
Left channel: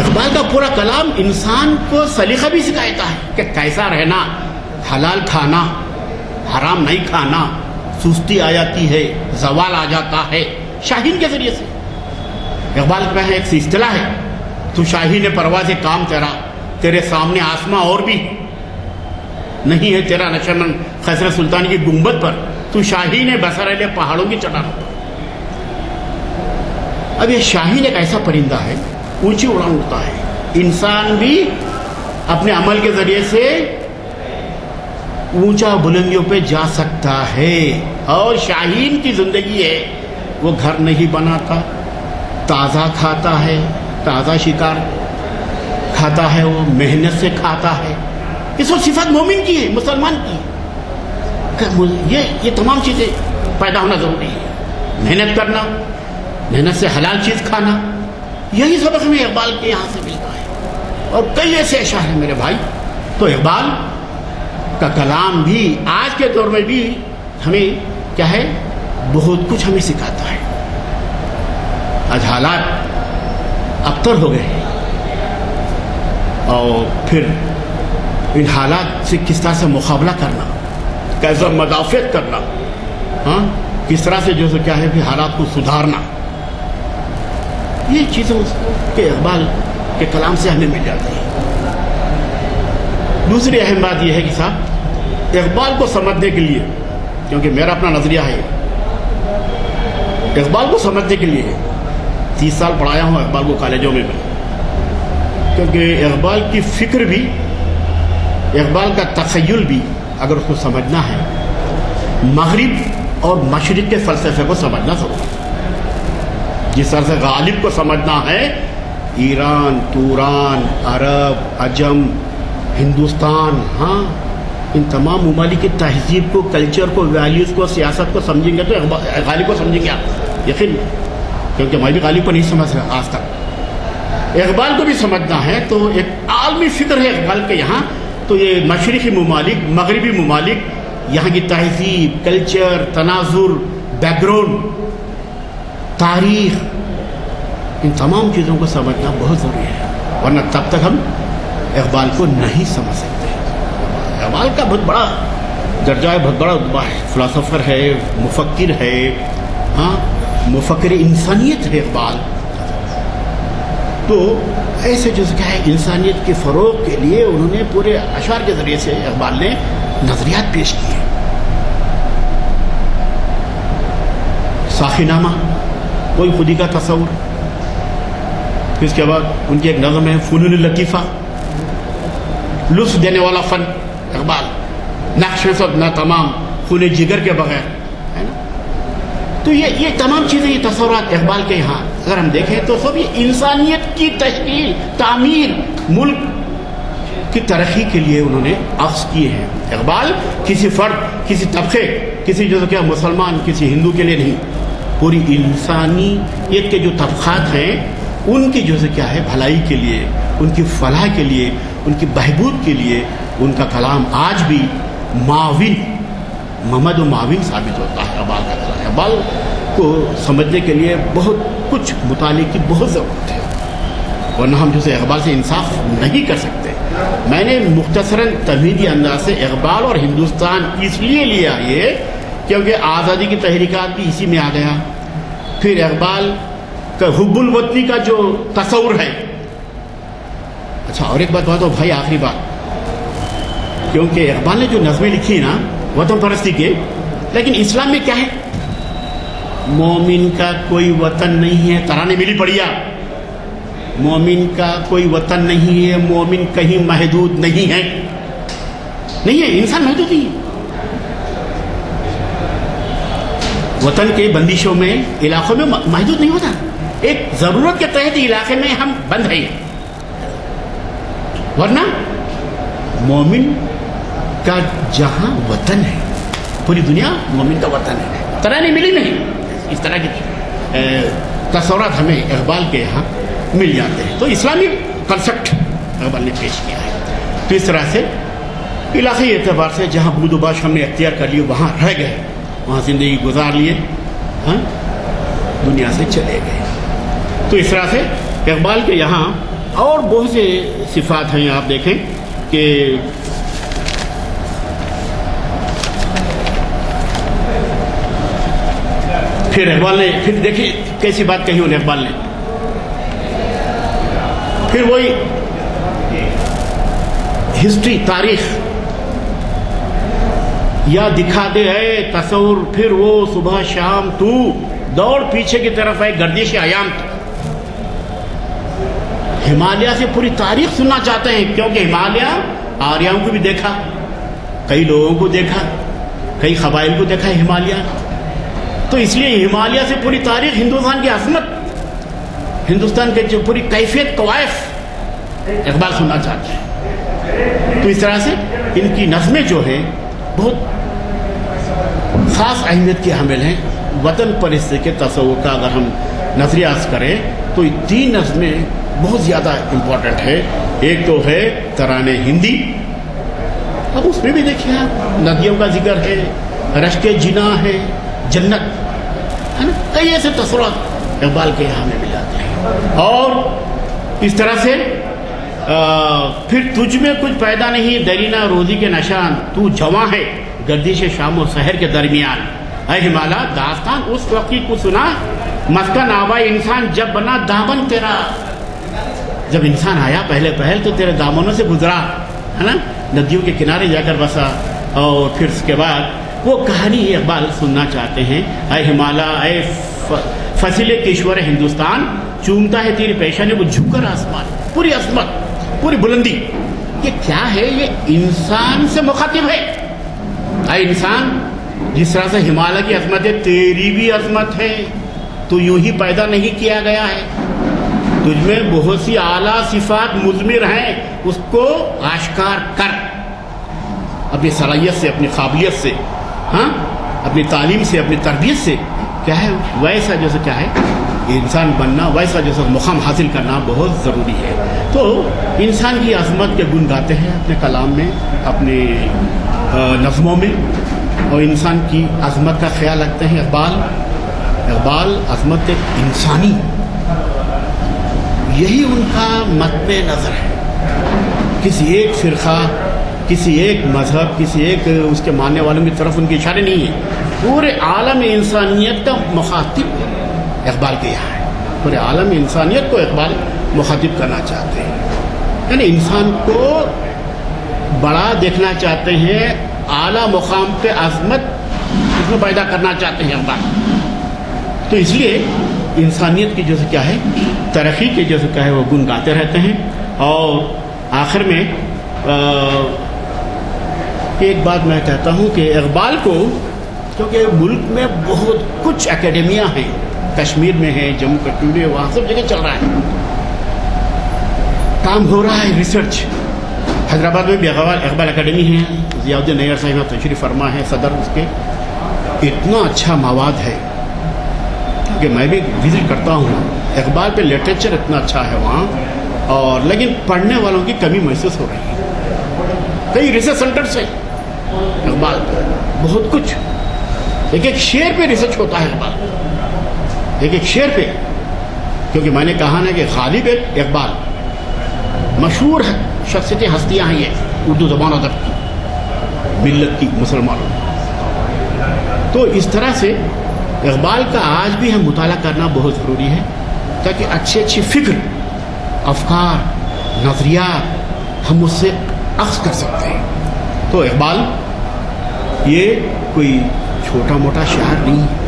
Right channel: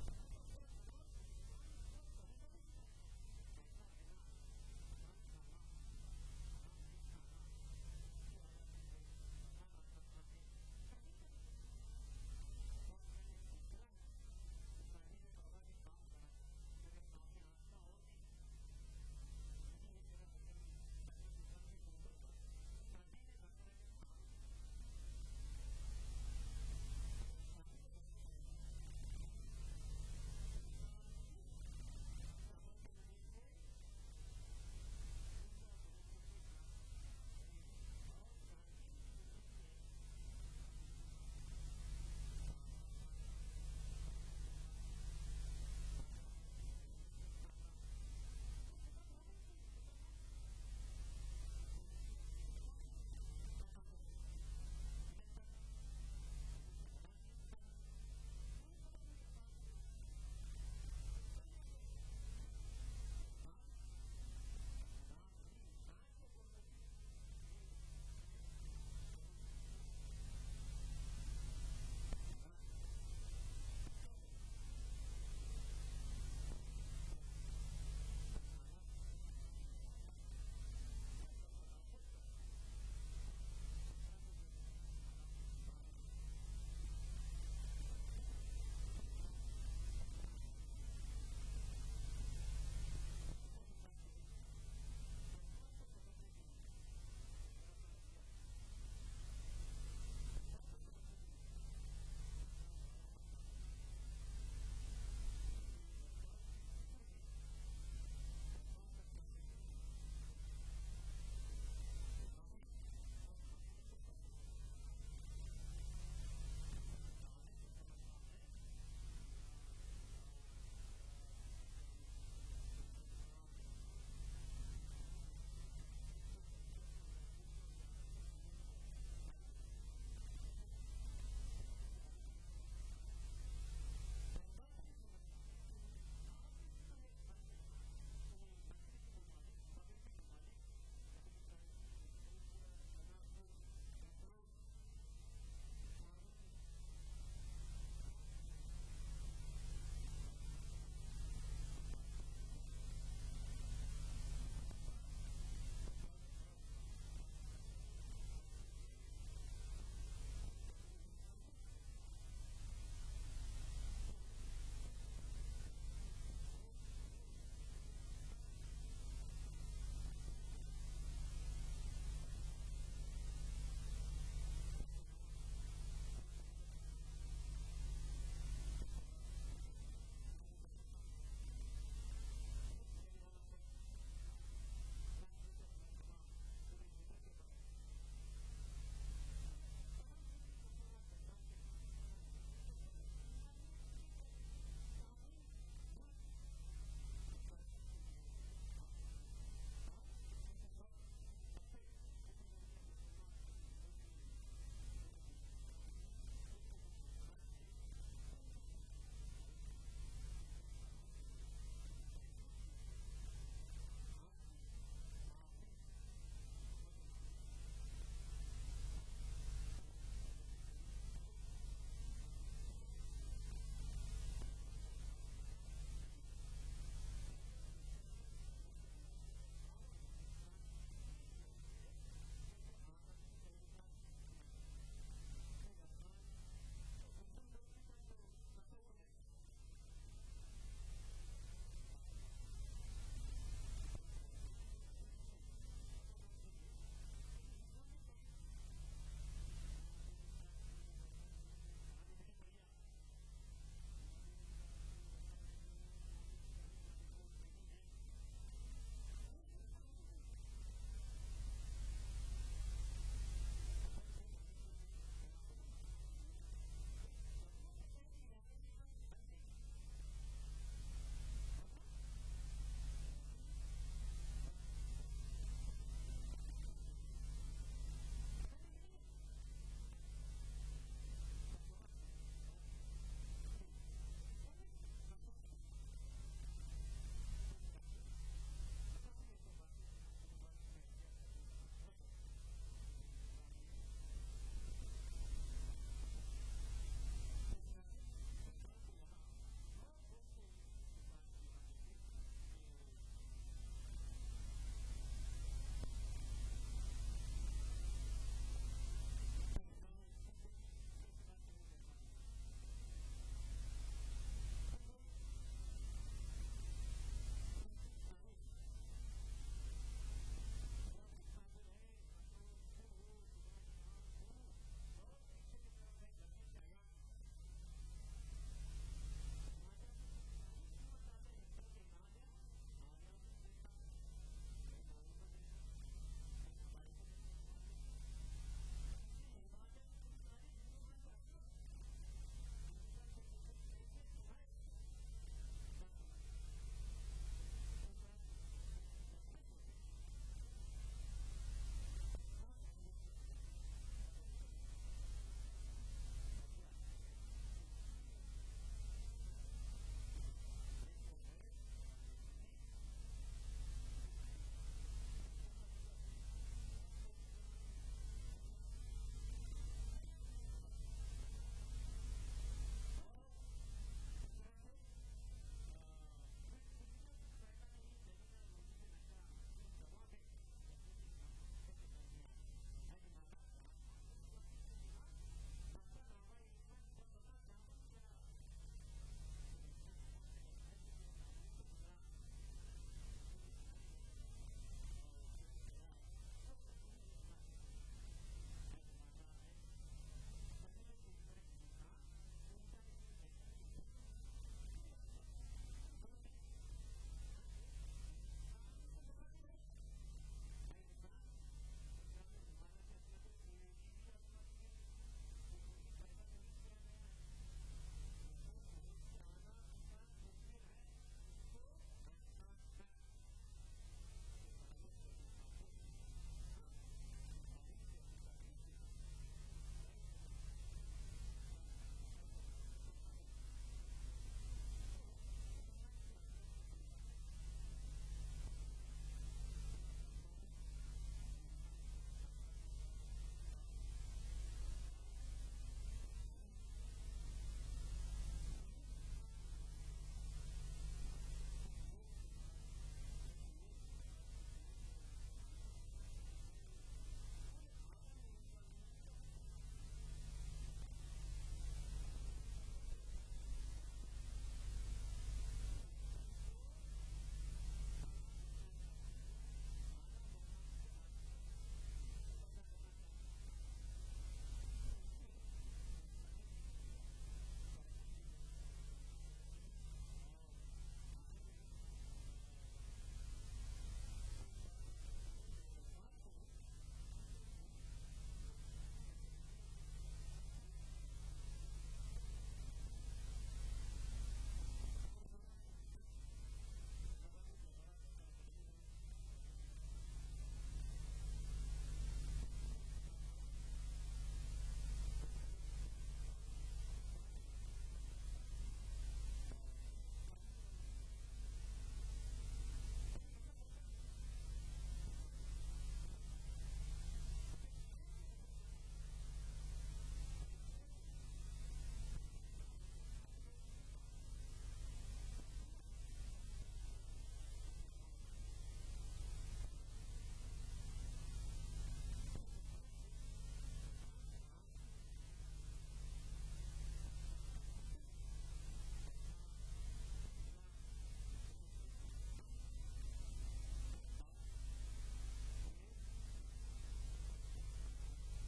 اقبال کا پورا کلام انسان کو سلیقہ بھی سکھاتا ہے کہ کیسا رہنا، حلال کھانا، حرام نہیں کھانا، سستی آ جاتی ہے، زوال آ جاتا ہے شاہین کے ذریعے سے. اقبال کا ایک اصطلاح ہے، تو شاہین پرواز کام تیرا، تیرے سامنے آسماں اور بھی نہیں ہے تیرا نشمن خسر سلطان کی گنبد پر، تو شاہین بسر علیہ پہاڑوں کی چٹانوں پر. اب یہ شاہین ایک ایسا پرندہ ہے، اونچی اڑان اڑتا ہے. انسان بھی اپنے عمل کے ذریعے سے اونچا بلندیوں پہ جا سکتا ہے. اور شاہین کی زندگی ہے، وہ گھر نہیں بناتا، تازہ کھاتا ہے، تازہ شکار کھاتا ہے، وہ محنت سے کھاتا ہے. یہ سب صفات مومن کی ہے، مسلمان کی ہے. یہ تمام چیزیں پیدا ہونا ضروری ہے. محنت کرنا، محنت سے حلال چیز کھانا، یہی سبق ہمیں اقبال کے یہاں سے ملتا ہے. اور کئی ایسے اشعار ہیں میرے بھائی. تو اقبال کا کلام بھی آج کے دور میں بھی ہمیں کیا ہے، بہت کچھ ہمیں سکھاتا ہے. آج حالات ابتر ہو گئے ہیں، اور پھر ان حالات سے کس طرح سے مقابلہ کرنا، کیسا مدافعت کرنا، کس طرح سے جو کیا ہے کہ حالات کو سدھارنا، یہ چیزوں کے اقبال کے کلام سے ہمیں مل جاتی ہے. دوسری اہم بات یہ ہے کہ صاحب اقبال کو سمجھنے کے لیے، کیونکہ میرا اپنا نظریہ ہے، اقبال کو سمجھنے کے لیے 30 سال پڑھایا ہوں اقبال کو کالجوں میں بھی، کیونکہ اقبال کی فکر بھی، اقبال کا تخیل بھی اگر اس کو سمجھنا ہے، مغرب اور مشرق کے فلسفے کو سمجھنا ضروری ہے. جس طرح سے غالب کو سمجھنا ہے، ایران، توران، عرب، عجم، ہندوستان، ہاں ان تمام ممالک کی تہذیب کو، کلچر کو، ویلیوز کو، سیاست کو سمجھیں گے تو غالب کو سمجھیں گے آپ، یقین، کیونکہ میں بھی غالب کو نہیں سمجھ سکا آج تک. اقبال کو بھی سمجھنا ہے تو ایک عالمی فکر ہے اقبال کے یہاں. تو یہ مشرقی ممالک، مغربی ممالک، یہاں کی تہذیب، کلچر، تناظر، بیک گراؤنڈ، تاریخ، ان تمام چیزوں کو سمجھنا بہت ضروری ہے، ورنہ تب تک ہم اقبال کو نہیں سمجھ سکتے. اقبال کا بہت بڑا درجہ ہے، بہت بڑا فلاسفر ہے، مفکر ہے، ہاں مفکر انسانیت ہے اقبال. تو ایسے جو کیا ہے انسانیت کے فروغ کے لیے انہوں نے پورے اشعار کے ذریعے سے اقبال نے نظریات پیش کیے. ساخی نامہ، کوئی خودی کا تصور. پھر اس کے بعد ان کی ایک نظم ہے فنون لطیفہ، لطف دینے والا فن اقبال، نقش نہ تمام خون جگر کے بغیر، ہے نا. تو یہ تمام چیزیں، یہ تصورات اقبال کے یہاں اگر ہم دیکھیں تو سب یہ انسانیت کی تشکیل، تعمیر، ملک کی ترقی کے لیے انہوں نے اخذ کیے ہیں. اقبال کسی فرد، کسی طبقے، کسی جو کیا مسلمان، کسی ہندو کے لیے نہیں، پوری انسانیت کے جو طبقات ہیں ان کی جو کیا ہے بھلائی کے لیے، ان کی فلاح کے لیے، ان کی بہبود کے لیے ان کا کلام آج بھی معاون، ممد و معاون ثابت ہوتا ہے. اقبال کا کلام، اقبال کو سمجھنے کے لیے بہت کچھ مطالعے کی بہت ضرورت ہے، ورنہ ہم جیسے اقبال سے انصاف نہیں کر سکتے. میں نے مختصراً تمہیدی انداز سے اقبال اور ہندوستان اس لیے لیا یہ کیونکہ آزادی کی تحریکات بھی اسی میں آ گیا. پھر اقبال کا حب الوطنی کا جو تصور ہے. اچھا اور ایک بات تو بھائی، آخری بات، کیونکہ اقبال نے جو نظمیں لکھی نا وطن پرستی کے، لیکن اسلام میں کیا ہے؟ مومن کا کوئی وطن نہیں ہے. ترانے ملی پڑیا، مومن کا کوئی وطن نہیں ہے، مومن کہیں محدود نہیں ہے. نہیں ہے، انسان محدود نہیں ہے. وطن کے بندشوں میں، علاقوں میں محدود نہیں ہوتا. ایک ضرورت کے تحت علاقے میں ہم بند ہیں، ورنہ مومن کا جہاں وطن ہے، پوری دنیا مومن کا وطن ہے. ترانے ملی نہیں. اس طرح کے تصورات ہمیں اقبال کے یہاں مل جاتے ہیں. تو اسلامی کنسپٹ اقبال نے پیش کیا ہے. تو اس طرح سے علاقائی اعتبار سے جہاں بود و باش ہم نے اختیار کر لیے، وہاں رہ گئے، وہاں زندگی گزار لیے، ہاں دنیا سے چلے گئے. تو اس طرح سے اقبال کے یہاں اور بہت سے صفات ہیں. آپ دیکھیں کہ پھر اقبال نے، پھر دیکھیں کیسی بات کہی انہیں اقبال نے. پھر وہی ہسٹری، تاریخ یا دکھا دے ہے تصور، پھر وہ صبح شام تو دوڑ پیچھے کی طرف ہے گردش ایام. ہمالیہ سے پوری تاریخ سننا چاہتے ہیں، کیونکہ ہمالیہ آریاؤں کو بھی دیکھا، کئی لوگوں کو دیکھا، کئی قبائل کو دیکھا ہے ہمالیہ. تو اس لیے ہمالیہ سے پوری تاریخ، ہندوستان کی عظمت، ہندوستان کے جو پوری کیفیت، کوائف اقبال سننا چاہتے ہیں. تو اس طرح سے ان کی نظمیں جو ہے بہت خاص اہمیت کی حامل ہیں. وطن پرستی کے تصور کا اگر ہم نظریہ کریں تو یہ 3 نظمیں بہت زیادہ امپورٹنٹ ہے. ایک تو ہے ترانے ہندی، اب اس میں بھی دیکھیے آپ ندیوں کا ذکر ہے، رشک جنا ہے، جنت ہے نا، کئی ایسے تصورات اقبال کے یہاں میں مل جاتے ہیں. اور اس طرح سے پھر تجھ میں کچھ پیدا نہیں دیرینہ روزی کے نشان، تو جواں ہے گردش شام و سحر کے درمیان. اے ہمالیہ داستان اس وقت کی کو سنا مسکن آبا انسان جب بنا دامن تیرا. جب انسان آیا پہلے پہل تو تیرے دامنوں سے گزرا ہے نا, ندیوں کے کنارے جا کر بسا. اور پھر اس کے بعد وہ کہانی اقبال سننا چاہتے ہیں. اے ہمالیہ اے فصیل کشور ہندوستان, چومتا ہے تیری پیشانی وہ جھک کر آسمان. پوری عظمت, پوری بلندی, یہ کیا ہے؟ یہ انسان سے مخاطب ہے. اے انسان, جس طرح سے ہمالیہ کی عظمت ہے تیری بھی عظمت ہے. تو یوں ہی پیدا نہیں کیا گیا ہے, تجھ میں بہت سی اعلیٰ صفات مضمر ہیں, اس کو آشکار کر. اپنی صلاحیت سے, اپنی قابلیت سے, ہاں, اپنی تعلیم سے, اپنی تربیت سے کیا ہے ویسا جیسے کیا ہے انسان بننا, ویسا جیسا مقام حاصل کرنا بہت ضروری ہے. تو انسان کی عظمت کے گن گاتے ہیں اپنے کلام میں, اپنے نظموں میں, اور انسان کی عظمت کا خیال رکھتے ہیں اقبال. عظمت انسانی, یہی ان کا مطب نظر ہے. کسی ایک فرقہ, کسی ایک مذہب, کسی ایک اس کے ماننے والوں کی طرف ان کے اشارے نہیں ہیں. پورے عالم انسانیت کا مخاطب اقبال کے یہاں ہے. پورے عالم انسانیت کو اقبال مخاطب کرنا چاہتے ہیں, یعنی انسان کو بڑا دیکھنا چاہتے ہیں, اعلیٰ مقام پہ عظمت اس میں پیدا کرنا چاہتے ہیں اقبال. تو اس لیے انسانیت کی جیسے کیا ہے ترقی کے جیسے کیا ہے وہ گن گاتے رہتے ہیں. اور آخر میں ایک بات میں کہتا ہوں کہ اقبال کو, کیونکہ ملک میں بہت کچھ اکیڈمیاں ہیں, کشمیر میں ہیں, جموں کشمیر میں, وہاں سب جگہ چل رہا ہے, کام ہو رہا ہے, ریسرچ. حیدرآباد میں بھی اقبال اکیڈمی ہے, ضیاء الدین نیار صاحب تشریف فرما ہے صدر اس کے. اتنا اچھا مواد ہے کہ میں بھی وزٹ کرتا ہوں. اقبال پہ لٹریچر اتنا اچھا ہے وہاں, اور لیکن پڑھنے والوں کی کمی محسوس ہو رہی ہے. کئی ریسرچ سینٹر سے اقبال پہ بہت کچھ, ایک ایک شعر پہ ریسرچ ہوتا ہے اقبال, ایک ایک شعر پہ. کیونکہ میں نے کہا نا کہ غالب اقبال مشہور ہے, شخصیتیں, ہستیاں ہیں یہ اردو زبان ادب کی, ملت کی, مسلمانوں. تو اس طرح سے اقبال کا آج بھی ہم مطالعہ کرنا بہت ضروری ہے, تاکہ اچھی اچھی فکر, افکار, نظریات ہم اس سے اخذ کر سکتے ہیں. تو اقبال یہ کوئی چھوٹا موٹا شاعر نہیں ہے.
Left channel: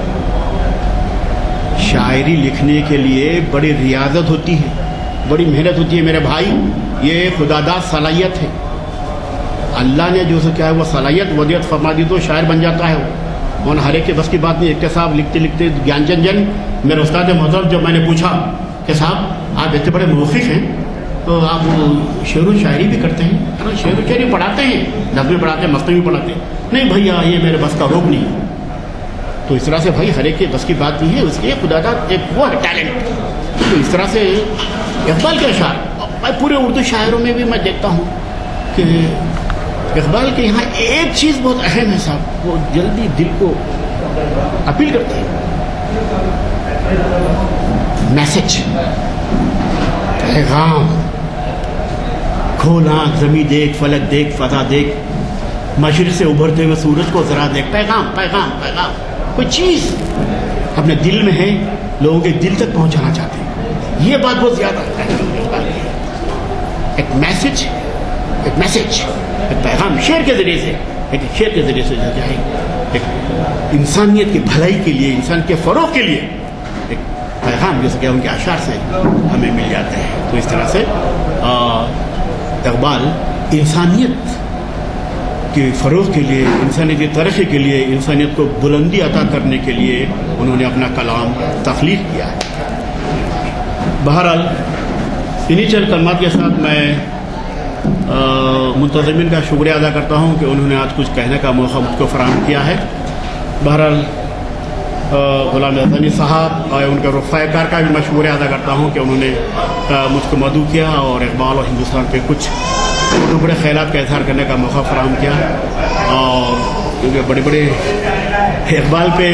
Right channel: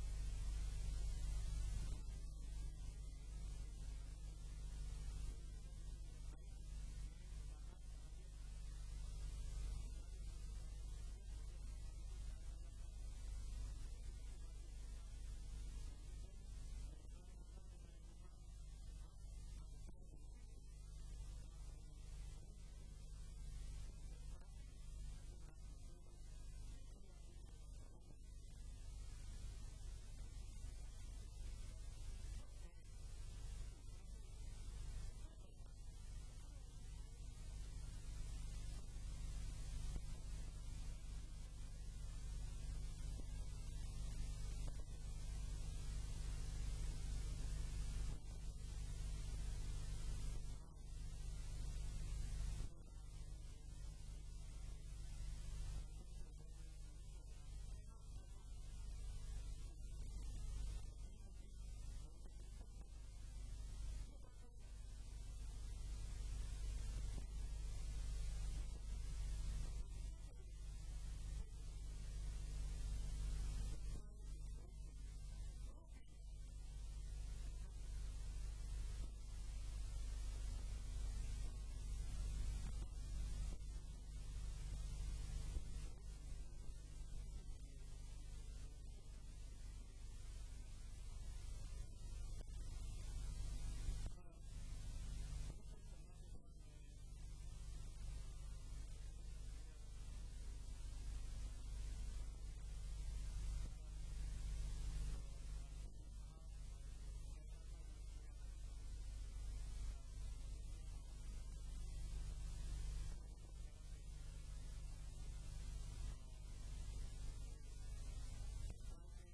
شاعری لکھنے کے لیے بڑی ریاضت ہوتی ہے, بڑی محنت ہوتی ہے میرے بھائی. یہ خداداد صلاحیت ہے, اللہ نے جو کیا ہے وہ صلاحیت ودیعت فرما دی تو شاعر بن جاتا ہے وہ. اور ہر ایک کے بس کی بات نہیں. ایک صاحب لکھتے لکھتے گیان چند جن میرے استاد محترم, جب میں نے پوچھا کہ صاحب آپ اتنے بڑے موقف ہیں تو آپ شعر و شاعری بھی کرتے ہیں, شعر و شاعری پڑھاتے ہیں, نظمیں پڑھاتے ہیں, مستنی پڑھاتے ہیں. نہیں بھیا یہ میرے بس کا روگ نہیں. تو اس طرح سے بھائی ہر ایک کے بس کی بات نہیں ہے, اس کے خدا کا ایک وہ ہے ٹیلنٹ. تو اس طرح سے اقبال کے اشعار پورے اردو شاعروں میں بھی میں دیکھتا ہوں کہ اقبال کے یہاں ایک چیز بہت اہم ہے صاحب, وہ جلدی دل کو اپیل کرتے ہیں. میسج, پیغام, کھول آنکھ زمیں دیکھ, فلک دیکھ, فضا دیکھ, مشرق سے ابھرتے ہوئے سورج کو ذرا دیکھ. پیغام پیغام پیغام, کوئی چیز اپنے دل میں ہے, لوگوں کے دل تک پہنچانا چاہتے ہیں. یہ بات بہت زیادہ ہے. ایک میسج, ایک میسج, ایک پیغام شعر کے ذریعے سے, ایک شعر کے ذریعے سے جو ہے ایک انسانیت کی بھلائی کے لیے, انسان کے فروغ کے لیے ایک پیغام جیسے کہ ان کے اشعار سے ہمیں مل جاتے ہیں. تو اس طرح سے اقبال انسانیت کے فروغ کے لیے, انسانیت کی ترقی کے لیے, انسانیت کو بلندی عطا کرنے کے لیے انہوں نے اپنا کلام تخلیق کیا ہے. بہرحال انہی چند کلمات کے ساتھ میں منتظمین کا شکریہ ادا کرتا ہوں کہ انہوں نے آج کچھ کہنے کا موقع مجھ کو فراہم کیا ہے. بہرحال غلام حسنی صاحب اور ان کے رفقۂ کار کا بھی میں شکریہ ادا کرتا ہوں کہ انہوں نے مجھ کو مدعو کیا اور اقبال اور ہندوستان پہ کچھ بڑے خیالات کا اظہار کرنے کا موقع فراہم کیا. اور کیونکہ بڑے بڑے اقبال پہ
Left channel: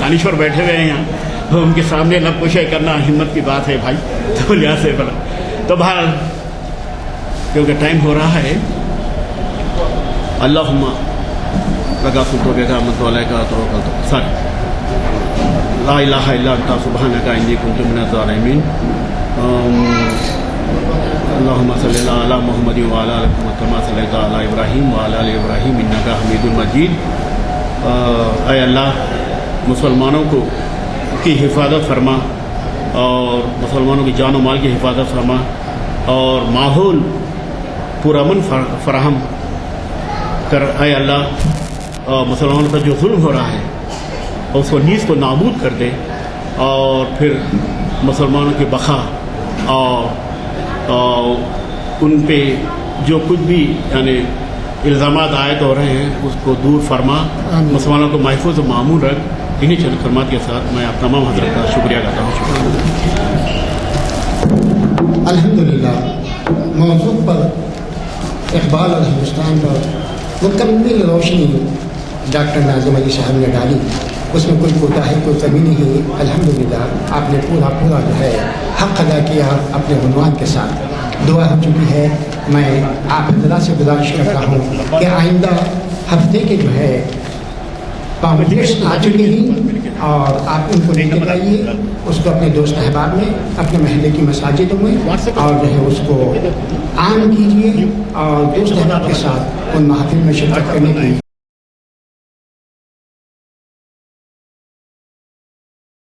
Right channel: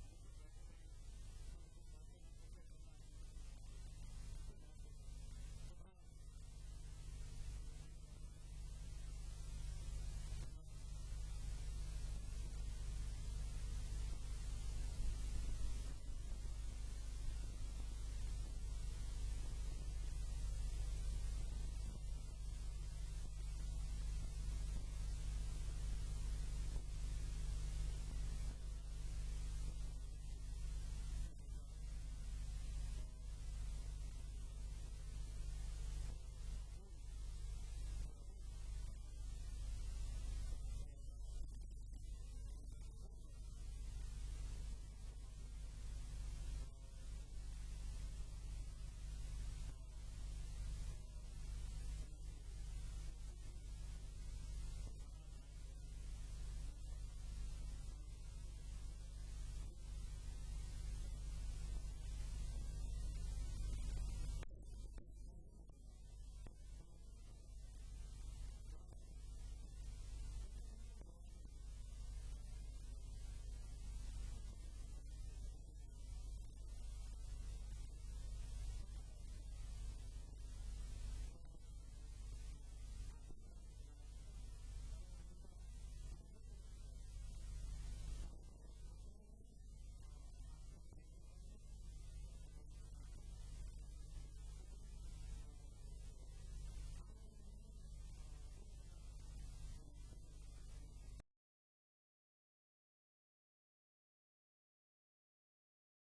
دانشور بیٹھے ہوئے ہیں یہاں, ان کے سامنے لب کشائی کرنا ہمت کی بات ہے بھائی. تو لحاظ سے بڑا تو بہرحال کیونکہ ٹائم ہو رہا ہے, اللہم لگا فتو کے کا متوالے کا تو سر لا الہ الا انت سبحانک انی کنت من الظالمین. اللهم صل علی محمد وعلی آل محمد کما صلیت علی ابراہیم وعلی آل ابراہیم انک حمید مجید. اے اللہ مسلمانوں کی حفاظت فرما اور مسلمانوں کی جان و مال کی حفاظت فرما اور ماحول پرامن فراہم کر. اے اللہ مسلمانوں پر جو ظلم ہو رہا ہے اس کو نیز کو نابود کر دے اور پھر مسلمانوں کی بقا اور ان پہ جو کچھ بھی یعنی الزامات عائد ہو رہے ہیں اس کو دور فرما. مسلمانوں کو محفوظ و معمول رکھ. انہی چند کلمات کے ساتھ میں آپ تمام حضرت کا شکریہ کرتا ہوں. الحمدللہ موضوع پر اقبال اور ہندوستان پر مکمل روشنی ڈاکٹر ناظم علی صاحب نے ڈالی. اس میں کوئی کوتاہی کوئی کمی نہیں. الحمدللہ آپ نے پورا جو ہے حق ادا کیا اپنے عنوان کے ساتھ. دعا ہو چکی ہے. میں آپ حضرات سے گزارش کرتا ہوں کہ آئندہ ہفتے کے جو ہے پامفلیٹس آ چکے ہیں اور آپ ان کو لے کے آئیے. اس کو اپنے دوست احباب میں اپنے محلے کی مساجدوں میں اور جو ہے اس کو عام کیجیے اور دوست احباب کے ساتھ ان محافل میں شرکت کرنے کی